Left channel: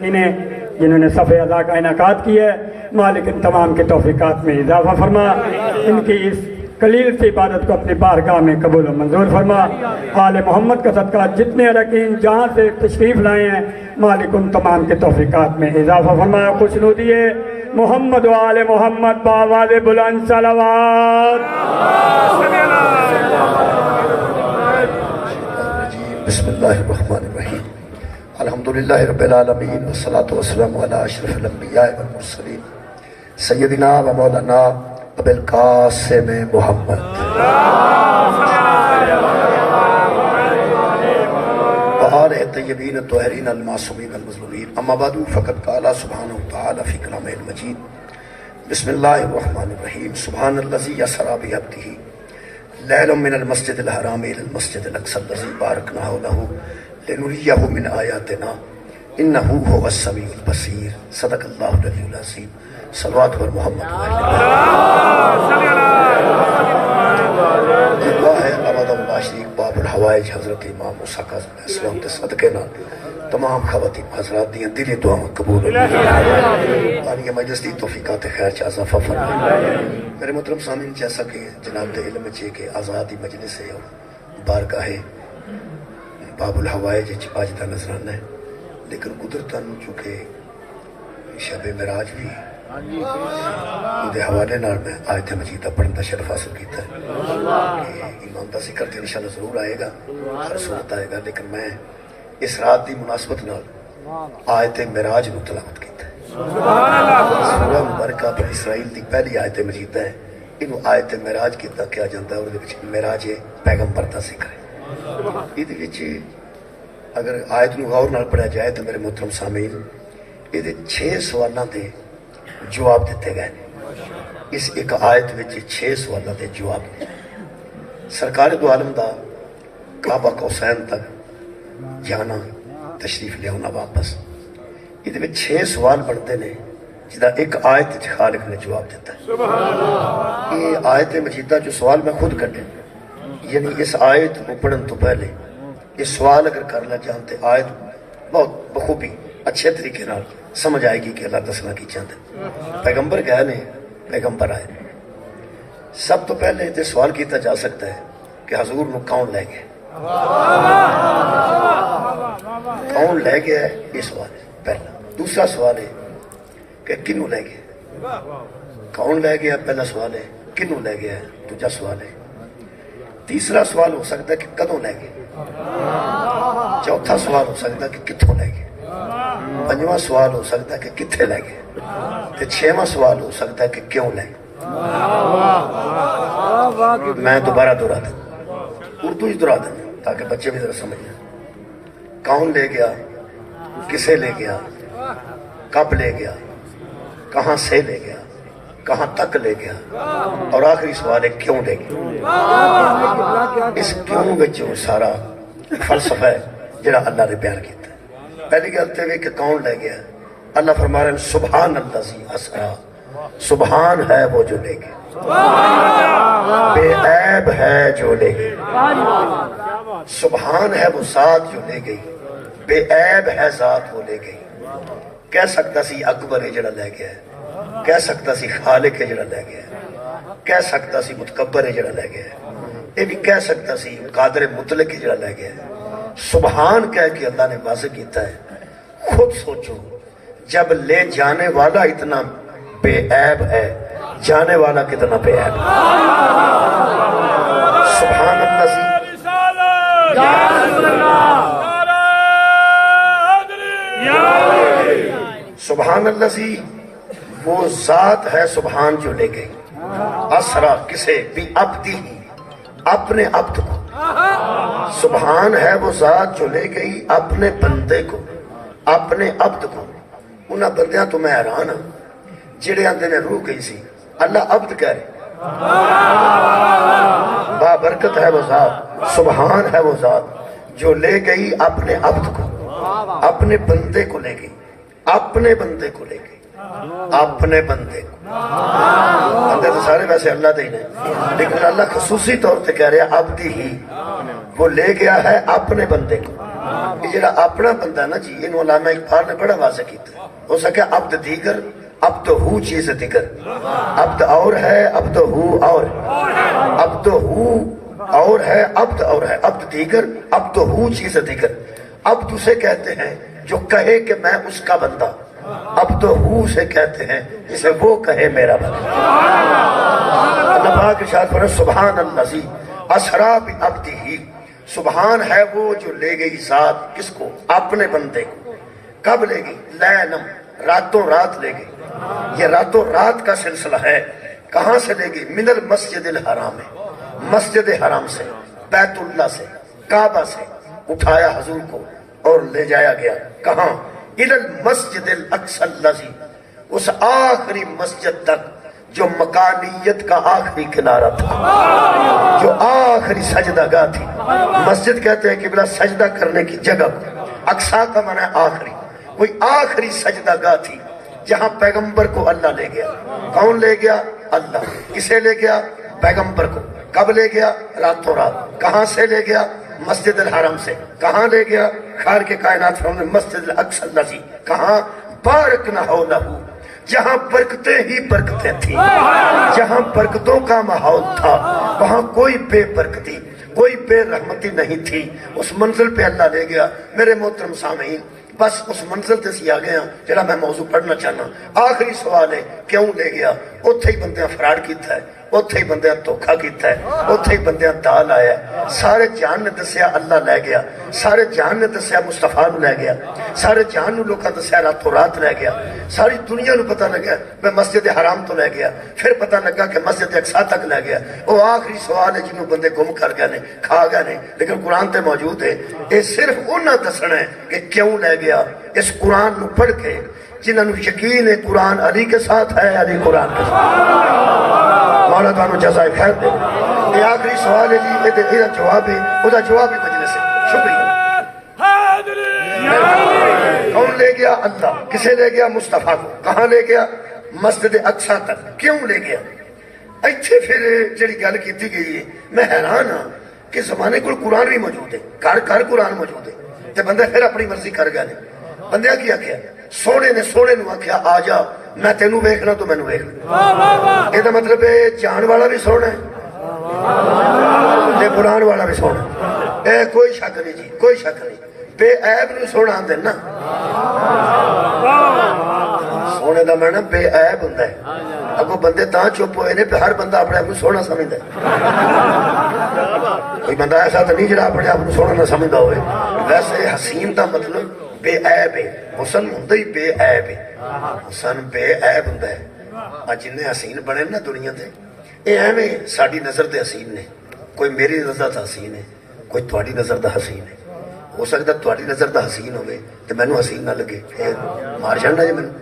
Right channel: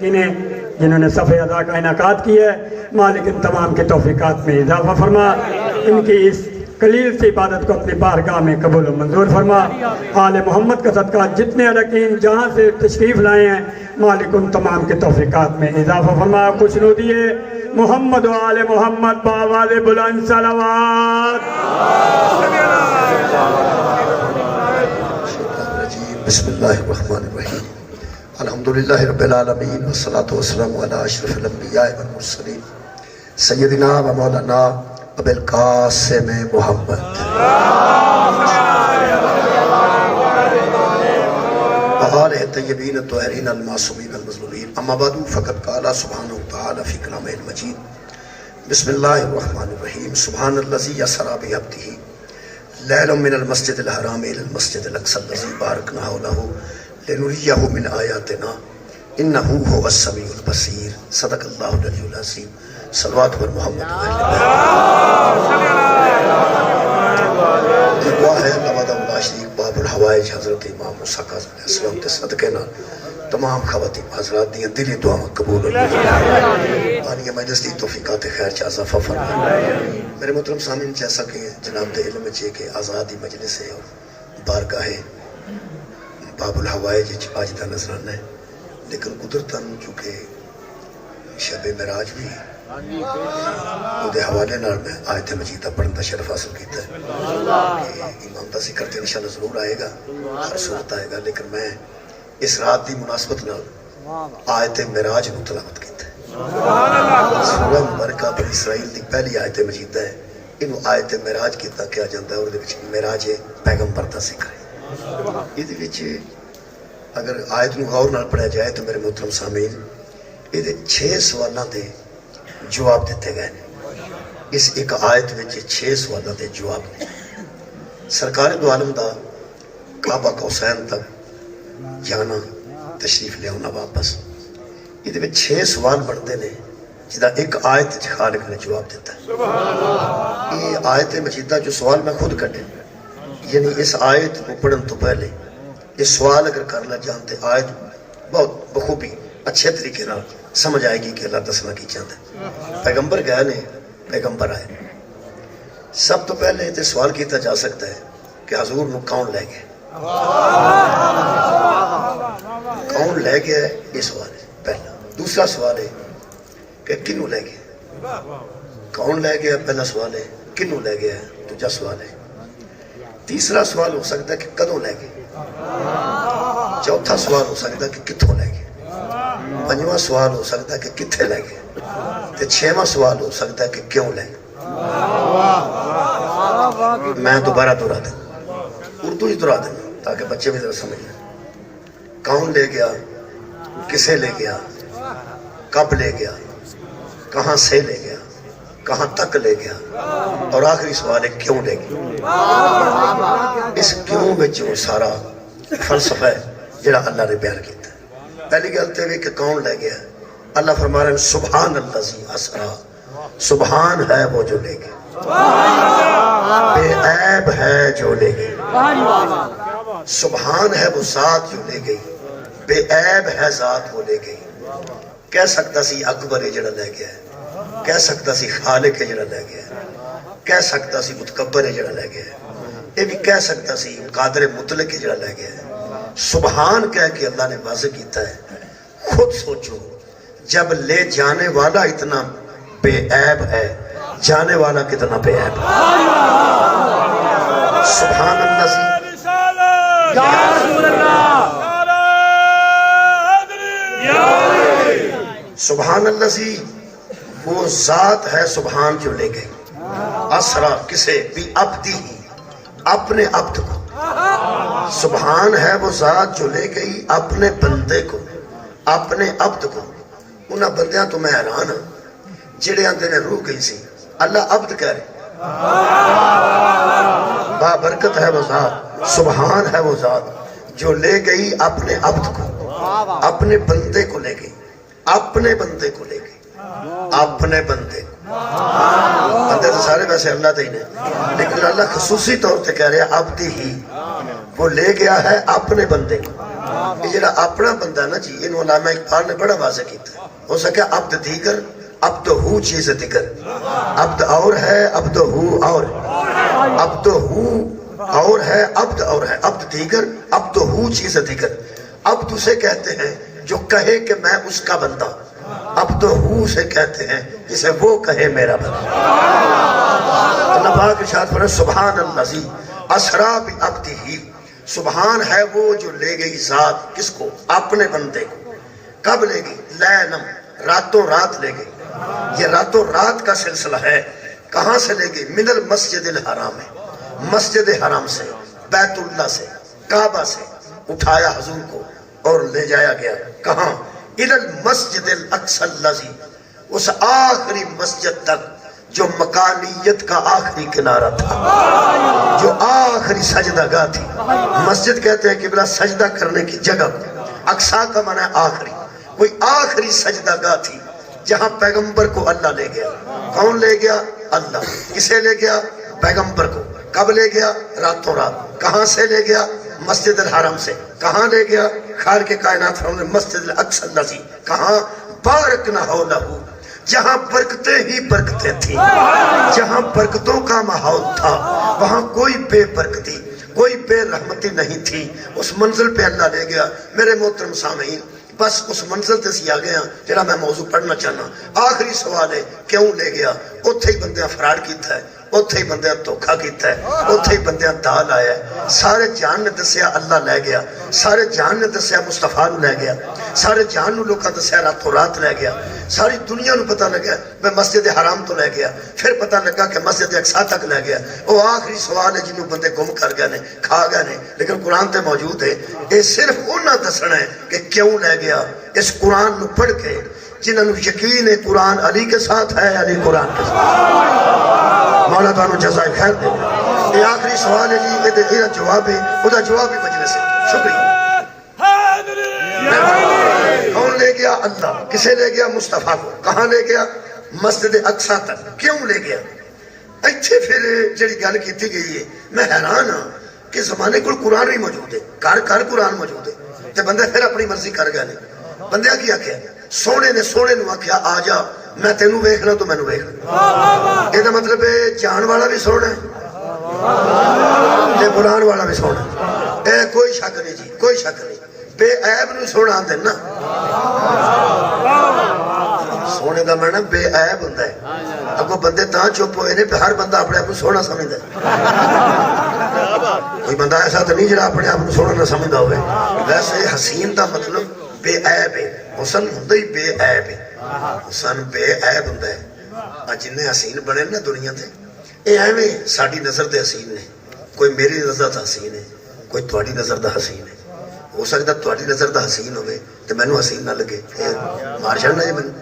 جنہوں نے صفحہ ادا کا انعقاد کیا ہے، مالک ان تمام کے توفیقات میں اضافہ فرما، ان کی اس قلیل سی عبادت کو اپنی بارگاہ میں قبول و منظور فرما۔ آل محمد کا صدقہ جتنے اراکین جہاں سے تشریف لائے ہیں، مالک ان تمام کے توفیقات میں اضافہ فرما۔ خوشنودی ہے محمد و آل محمد بآواز بلند صلوات۔ بسم اللہ الرحمن الرحیم، الحمدللہ رب العالمین، والصلاة والسلام علی اشرف الانبیاء والمرسلین، سیدنا و مولانا ابی القاسم محمد وآلہ طیبین الطاہرین المعصومین المظلومین، اما بعد فقد قال سبحانہ وتعالی فی کلامہ المجید، بسم اللہ الرحمن الرحیم، سبحان الذی اسری بعبدہ لیلا من المسجد الحرام الى المسجد الاقصى الذی بارکنا حولہ لنریہ من آیاتنا انہ هو السمیع البصیر۔ صدق اللہ العلی العظیم۔ صلوات پر محمد اللہ ہے نواد اللہ شریف باب الحوائج حضرت امام موسیٰ کاظم علیہ السلام کے صدقے نال تمام خواتین حضرات دیا دلی دعا قبول ہوئی اور یہ مجلس دی توفیقات خیر چا اضافہ فرمائے۔ میرے محترم سامعین، جیسا کہ جناب دے علم ہے کہ آزادی مجلس ہے اور بارگاہ باب الحوائج آج دا نظرانہ ہے، لیکن قدرتاً چونکہ شب معراج بھی دے حوالے نال میں آیت مجیدہ پڑھن دا شرف حاصل کیتا ہے کہ امام دا ذکر تے انشاءاللہ ضرور آئے گا، ہر صورت آئے گا، لیکن میں اس رات دی مناسبت نال آیت معراج نو تلاوت کیتا ہے۔ سورہ مبارکہ بنی اسرائیل دی پہلی آیت مجیدہ ہے، انہوں آیت معراج کیتا کیا جانتا ہے، اور دے وچ معراج پیغمبر دا ذکر ہے۔ یہ وچ اگر آیت نو غور نال پڑھا جائے تو میرے محترم سامعین، یہ 6 سوالاں دے جواب دیتے گئے۔ اس ایک آیت وچ 6 سوالاں دے جواب نے۔ سرکار دو عالم دا کعبہ قوسین تک جانا، تشریف لے آنا واپس، یہ 6 سوال بنتے ہیں جدا ایک آیت خالق نے جواب دیتا ہے۔ یہ آیت مجیدہ جو سوال میں خود کٹے، یعنی اس آیت کو پڑھن تو پہلے یہ سوال اگر کرنا جانتے آیت بہت بخوبی اچھے طریقے نال سمجھ آئے گی کہ اللہ دسنا کی چاہتے۔ پیغمبر گئے نے، پیغمبر آئے، سب تو پہلے یہ سوال کیتا جا سکتا ہے کہ حضور نو کون لے گئے، کون لے گیا ہے، یہ سوال ہے پہلا۔ دوسرا سوال ہے کہ کنوں لے گیا، کون لے گیا پہلا سوال ہے، کنوں لے گیا دوسرا سوال ہے۔ تیسرا سوال ہو سکتا ہے کہ کدوں لے گئے، چوتھا سوال ہو سکتا ہے کہ کتھوں لے گئے، پنجواں سوال ہو سکتا ہے کہ کتھے لے گئے، تے 6واں سوال ہو سکتا ہے کہ کیوں لے گئے۔ میں دوبارہ دہرا دوں، اردو ہی دہرا دوں تاکہ بچے بھی ذرا سمجھ جائیں۔ کون لے گیا، کسے لے گیا، کب لے گیا، کہاں سے لے گیا، کہاں تک لے گیا، اور آخری سوال ہے کیوں لے گیا۔ اس کیوں میں جو سارا فلسفہ ہے جڑا اللہ نے بیان کیتا ہے۔ پہلی گلتے ہوئے کہ کون لے گیا، اللہ فرما رہے ہیں سبحان الذی اسری، سبحان ہے وہ جو لے گیا، بے عیب ہے جو لے گئی، سبحان ہے وہ ذات جو لے گئی، بے عیب ہے ذات وہ لے گئی۔ کہہ سکتا سی اکبر ہے جڑا لے گیا ہے، کہہ سکتا سی خالق ہے جڑا لے گیا ہے، کہہ سکتا سی متکبر ہے جڑا لے گیا ہے، یہ بھی کہہ سکتا سی قادر مطلق ہے جڑا لے گیا ہے۔ سبحان کہہ کے اللہ نے واضح کیتا ہے۔ خود سوچو جب لے جانے والا اتنا بے عیب ہے، جانے والا کتنا بے عیب ہے۔ سبحان اللہ سی سبحان اللہ سی وہ ذات ہے، سبحان جو لے گئی، اسرا کسے بھی عبدی، اپنے عبد کو، سبحان ہے وہ ذات جو لے گئی اپنے بندے کو، اپنے عبد کو۔ انہاں بندیاں تو میں حیران ہوں جڑے آندے نے روح گئی سی، اللہ عبد کہہ رہے، بابرکت ہے وہ ذات، سبحان ہے وہ ذات جو لے گئی اپنے عبد کو، اپنے بندے کو لے گئی، اپنے بندے کو لے گئی، اپنے بندے کو۔ بندے تو سارے ویسے اللہ دے ہی نہیں، لیکن اللہ خصوصی طور سے کہہ رہے ہیں عبدی ہی، وہ لے گیا ہے اپنے بندے کو۔ کہ جڑا اپنا بندہ نا جی انہوں علامہ اقبال نے بڑا واضح کیتا ہے. ہو سکے عبد دیگر عبد ہو چیز دیگر، عبد اور ہے عبد ہو اور، عبد ہو اور ہے عبد اور ہے، عبد دیگر عبد ہو چیز دیگر. عبد اسے کہتے ہیں جو کہے کہ میں اس کا بندہ، عبد ہو سے کہتے ہیں جسے وہ کہے میرا بندہ. اللہ پاک ارشاد فرمایا سبحان الذی اسریٰ بعبدہ، سبحان ہے وہ جو لے گئی ذات کس کو؟ اپنے بندے کو. کب لے گئی؟ لیلم، راتوں رات لے گئی. یہ راتوں رات کا سلسلہ ہے. کہاں سے لے گئی؟ من المسجد الحرام، مسجد حرام سے، بیت اللہ سے، کعبہ سے اٹھایا حضور کو اور لے جایا گیا. کہاں؟ الی المسجد الاقصی الذی، اس آخری مسجد تک جو مکانیت کا آخری کنارہ تھا، جو آخری سجدہ گاہ تھی. مسجد کہتے ہیں قبلہ سجدہ کرنے کی جگہ کو، اقصی کا معنی ہے آخری. کوئی آخری سجدہ گاہ تھی جہاں پیغمبر کو اللہ لے گیا. کون لے گیا؟ اللہ. کسے لے گیا؟ پیغمبر کو. کب لے گیا؟ راتوں رات. کہاں سے لے گیا؟ مسجد الحرام سے. کہاں لے گیا؟ خالق کائنات فرماتے ہیں مسجد الاقصی الذی، کہاں؟ بارکنا حولہ، جہاں برکتیں ہی برکتیں تھیں، جہاں برکتوں کا ماحول تھا وہاں کوئی بے برکتی، کوئی بے رحمتی نہیں تھی. اس منزل پہ اللہ لے گیا. میرے محترم سامعین، بس اس منزل تے سی آ گیا جڑا میں موضوع پڑھنا چاہنا. آخری سوال ہے کیوں لے گیا؟ اوتھے ہی بندیاں فراڈ کیتا ہے، اوتھے ہی بندیاں دھوکھا کیتا ہے، اوتھے ہی بندیاں دال آیا ہے. سارے جہان نے دسیا اللہ لے گیا، سارے جہان نے دسیا مصطفیٰ نو لے گیا، سارے جہان نو لوکاں دسیا راتوں رات لے گیا. ساری دنیا نو پتہ لگا میں مسجد حرام تو لے گیا، پھر پتہ لگا کہ مسجد اقصی تک لے گیا. وہ آخری سوال ہے جنہوں بندے گم کر گئے نے، کھا گئے نے، لیکن قرآن تے موجود ہے. یہ صرف انہاں دسنا ہے کہ کیوں لے گیا. اس قرآن نو پڑھ کے جنہاں نو یقین ہے قرآن علی کے ساتھ ہے، علی قرآن کے ساتھ، مولا تانوں جزائے خیر دے. یہ آخری سوال ہے جی، یہ جواب ہے، وہ جواب ہی مجلس ہے. شکریہ. کون لے گیا؟ اللہ. کسے لے گیا؟ مصطفیٰ کو. کہاں لے گیا؟ مسجد اقصی تک. کیوں لے گیا؟ ایتھے پھر جڑی گل کیتی گئی ہے، میں حیران ہاں کہ زمانے کو قرآن بھی موجود ہے، گھر قرآن موجود ہے، تے بندے پھر اپنی مرضی کر گئے. بندے کی آخیا؟ سونے نے سونے نو آخیا آ جا میں تینوں ویکھنا تو مینوں ویکھ. یہ مطلب ہے جان والا بھی سونا ہے تے قرآن والا بھی سونا ہے. اے کوئی شک نہیں جی، کوئی شک نہیں. بے عیب نو سونا آندے نا، سونے دا معنی بے عیب ہوندا ہے. اگو بندے تاں چپ ہوئے نے پہ ہر بندہ اپنے آپ کو سونا سمجھدا ہے. کوئی بندہ ایسا تو نہیں جڑا اپنے آپ کو سونا نہ سمجھدا ہوئے. ویسے حسین دا مطلب بے عیب ہے. حسن ہوندا ہی بے عیب ہے. حسن بے عیب ہوندا ہے. جنہیں حسین بنے نا دنیا تے اے ایویں ساڈی نظر تے حسین نے. کوئی میری نظر دا حسین ہے، کوئی تہاڈی نظر دا حسین ہے. ہو سکتا تہاڈی نظر دا حسین ہوئے تو مینوں حسین نہ لگے، مار جانا جی مینوں.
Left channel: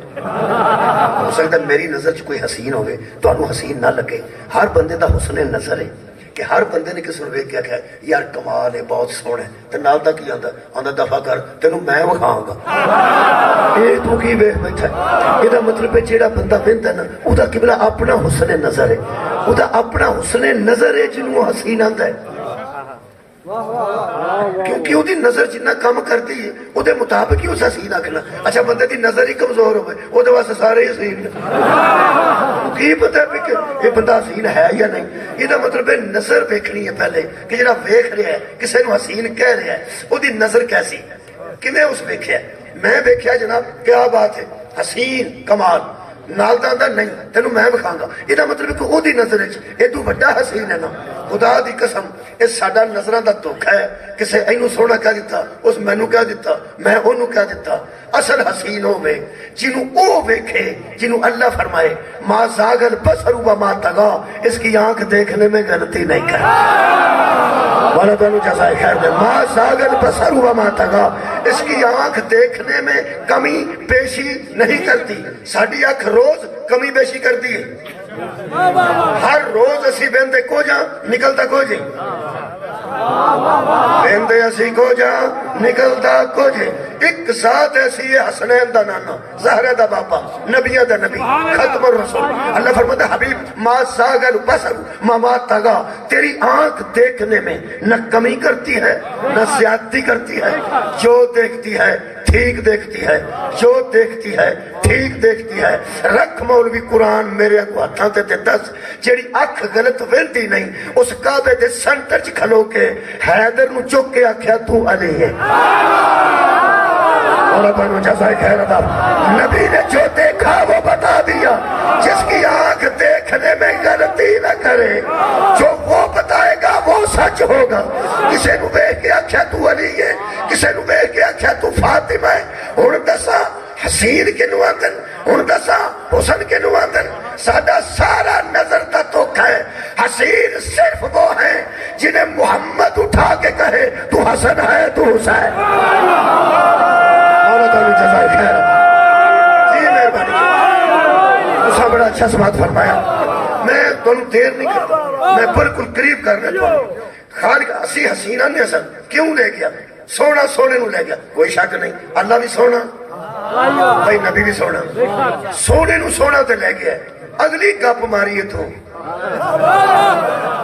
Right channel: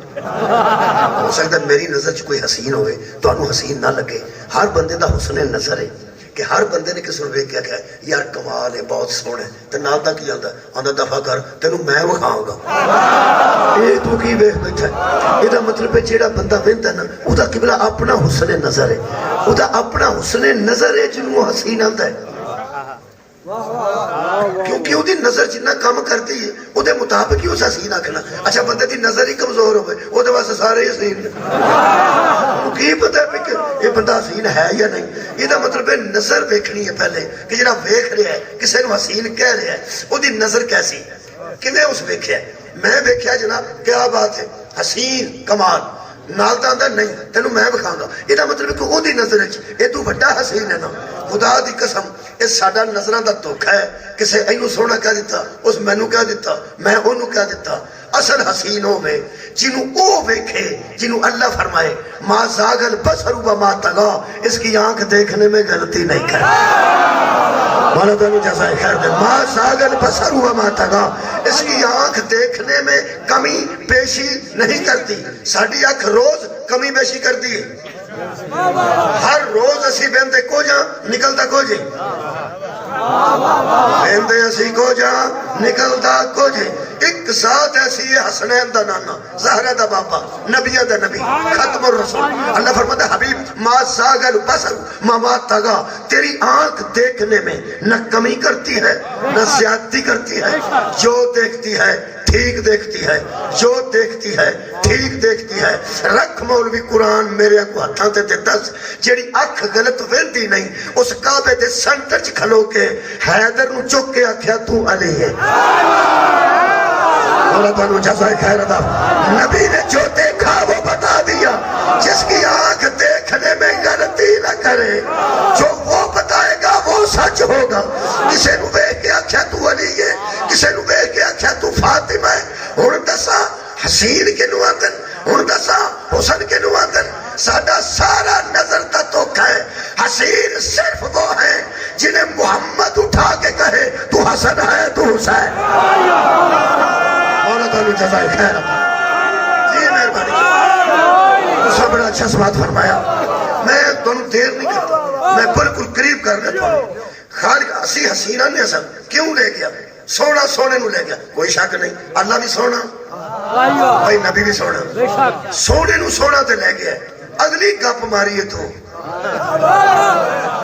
ہو سکتا میری نظر چ کوئی حسین ہوئے تہانوں حسین نہ لگے. ہر بندے دا حسن نظر ہے کہ ہر بندے نے کس نوں ویکھ کے آکھیا یار کمال ہے، بہت سوہنا ہے. تے نال دا کی آندا؟ آندا دفع کر تینوں میں وکھاؤں گا. اے تو کی ویکھ بیٹھا ہے؟ یہ مطلب ہے جیڑا بندہ ویندا نا او دا قبلہ اپنا حسن نظر ہے، او دا اپنا حسن نظر ہے جنوں حسین آندا ہے. کیونکہ وہ نظر جنہ کم کرتی ہے وہ مطابق ہی اس حسین آکھنا. اچھا بندے دی نظر ہی کمزور ہوئے وہ واسطے سارے ہی حسین نے. کی پتہ ہے کہ یہ بندہ حسین ہے یا نہیں؟ یہ مطلب ہے نظر ویکھنی ہے پہلے کہ جڑا ویکھ رہا ہے کسے نو حسین کہہ رہا ہے وہ دی نظر کیسی، کنے اس ویکھیا؟ میں ویکھیا جناب کیا بات ہے حسین کمال، نال دا آندا نہیں تینوں میں وکھاؤں گا. یہ مطلب کہ وہ دی نظر یہ تو بڑا حسین ہے نا. خدا دی قسم یہ ساڈا نظراں دا دھوکھا ہے. کسے اینوں سونا کہہ دیتا، اس مینوں کہہ دیتا، میں اونوں کہہ دیتا. اصل حسین ہوے جنوں او ویکھے جنوں اللہ فرمائے ما زاغ البصر وما طغى، اس کی آنکھ دیکھنے میں غلطی نہیں کرتی. مولا تعالیٰ جزائے خیر دے. ما زاغ البصر وما طغى، اس کی آنکھ دیکھنے میں کمی بیشی نہیں کرتی. ساڈی آنکھ روز کمی بیشی کرتی ہے. ہر روز اسی بہندے کو جا نکلتا کو جے، بہندے اسی کو جا نکلتا کو جے. ایک ذات ایسی ہے حسنین دا نانا زہرہ دا بابا نبیہ دا نبی ختم الرسول اللہ فرماتا ہے حبیب ما زاغل بصر ما طغا تیری آنکھ دیکھنے میں نہ کمی کرتی ہے نہ زیادتی کرتی ہے جو دیکھتی ہے ٹھیک دیکھتی ہے جو دیکھتی ہے ٹھیک دیکھتی ہے رکھ مولوی قرآن میرے کو ہتھاں تے دس جیڑی اکھ غلط ویندی نہیں اس کعبے دے سنٹر چ کھلو کے حیدر نو چک کے آکھیا تو علی ہے اور تانوں جزائے خیر ادا نبی نے جو دیکھا وہ بتا دیا جس کی آنکھ دیکھنے میں غلطی نہ کرے جو وہ بتائے گا وہ سچ ہوگا کسے نو ویکھ کے آکھیا تو علی ہے کسے نو ویکھ کے آکھیا تو فاطمہ ہے ہن دسا حسین کے نواتن ہن دسا حسن کے نواتن ساڈا سارا نظر تا توکھا ہے حسین صرف وہ ہیں جنہیں محمد اٹھا کے کہے تو حسن ہے تو حسین مولا تعالی جزائے خیر جی مہربانی اس نے بڑا اچھا سوال فرمایا میں تمہیں دیر نہیں کرتا میں بالکل قریب کر رہا ہوں خالق اسی حسینہ نے اصل کیوں لے گیا سونا سونے نو لے گیا کوئی شک نہیں اللہ بھی سونا بھائی نبی بھی سونا سونے نو سونا تے لے گیا اگلی گپ ماری ہے تو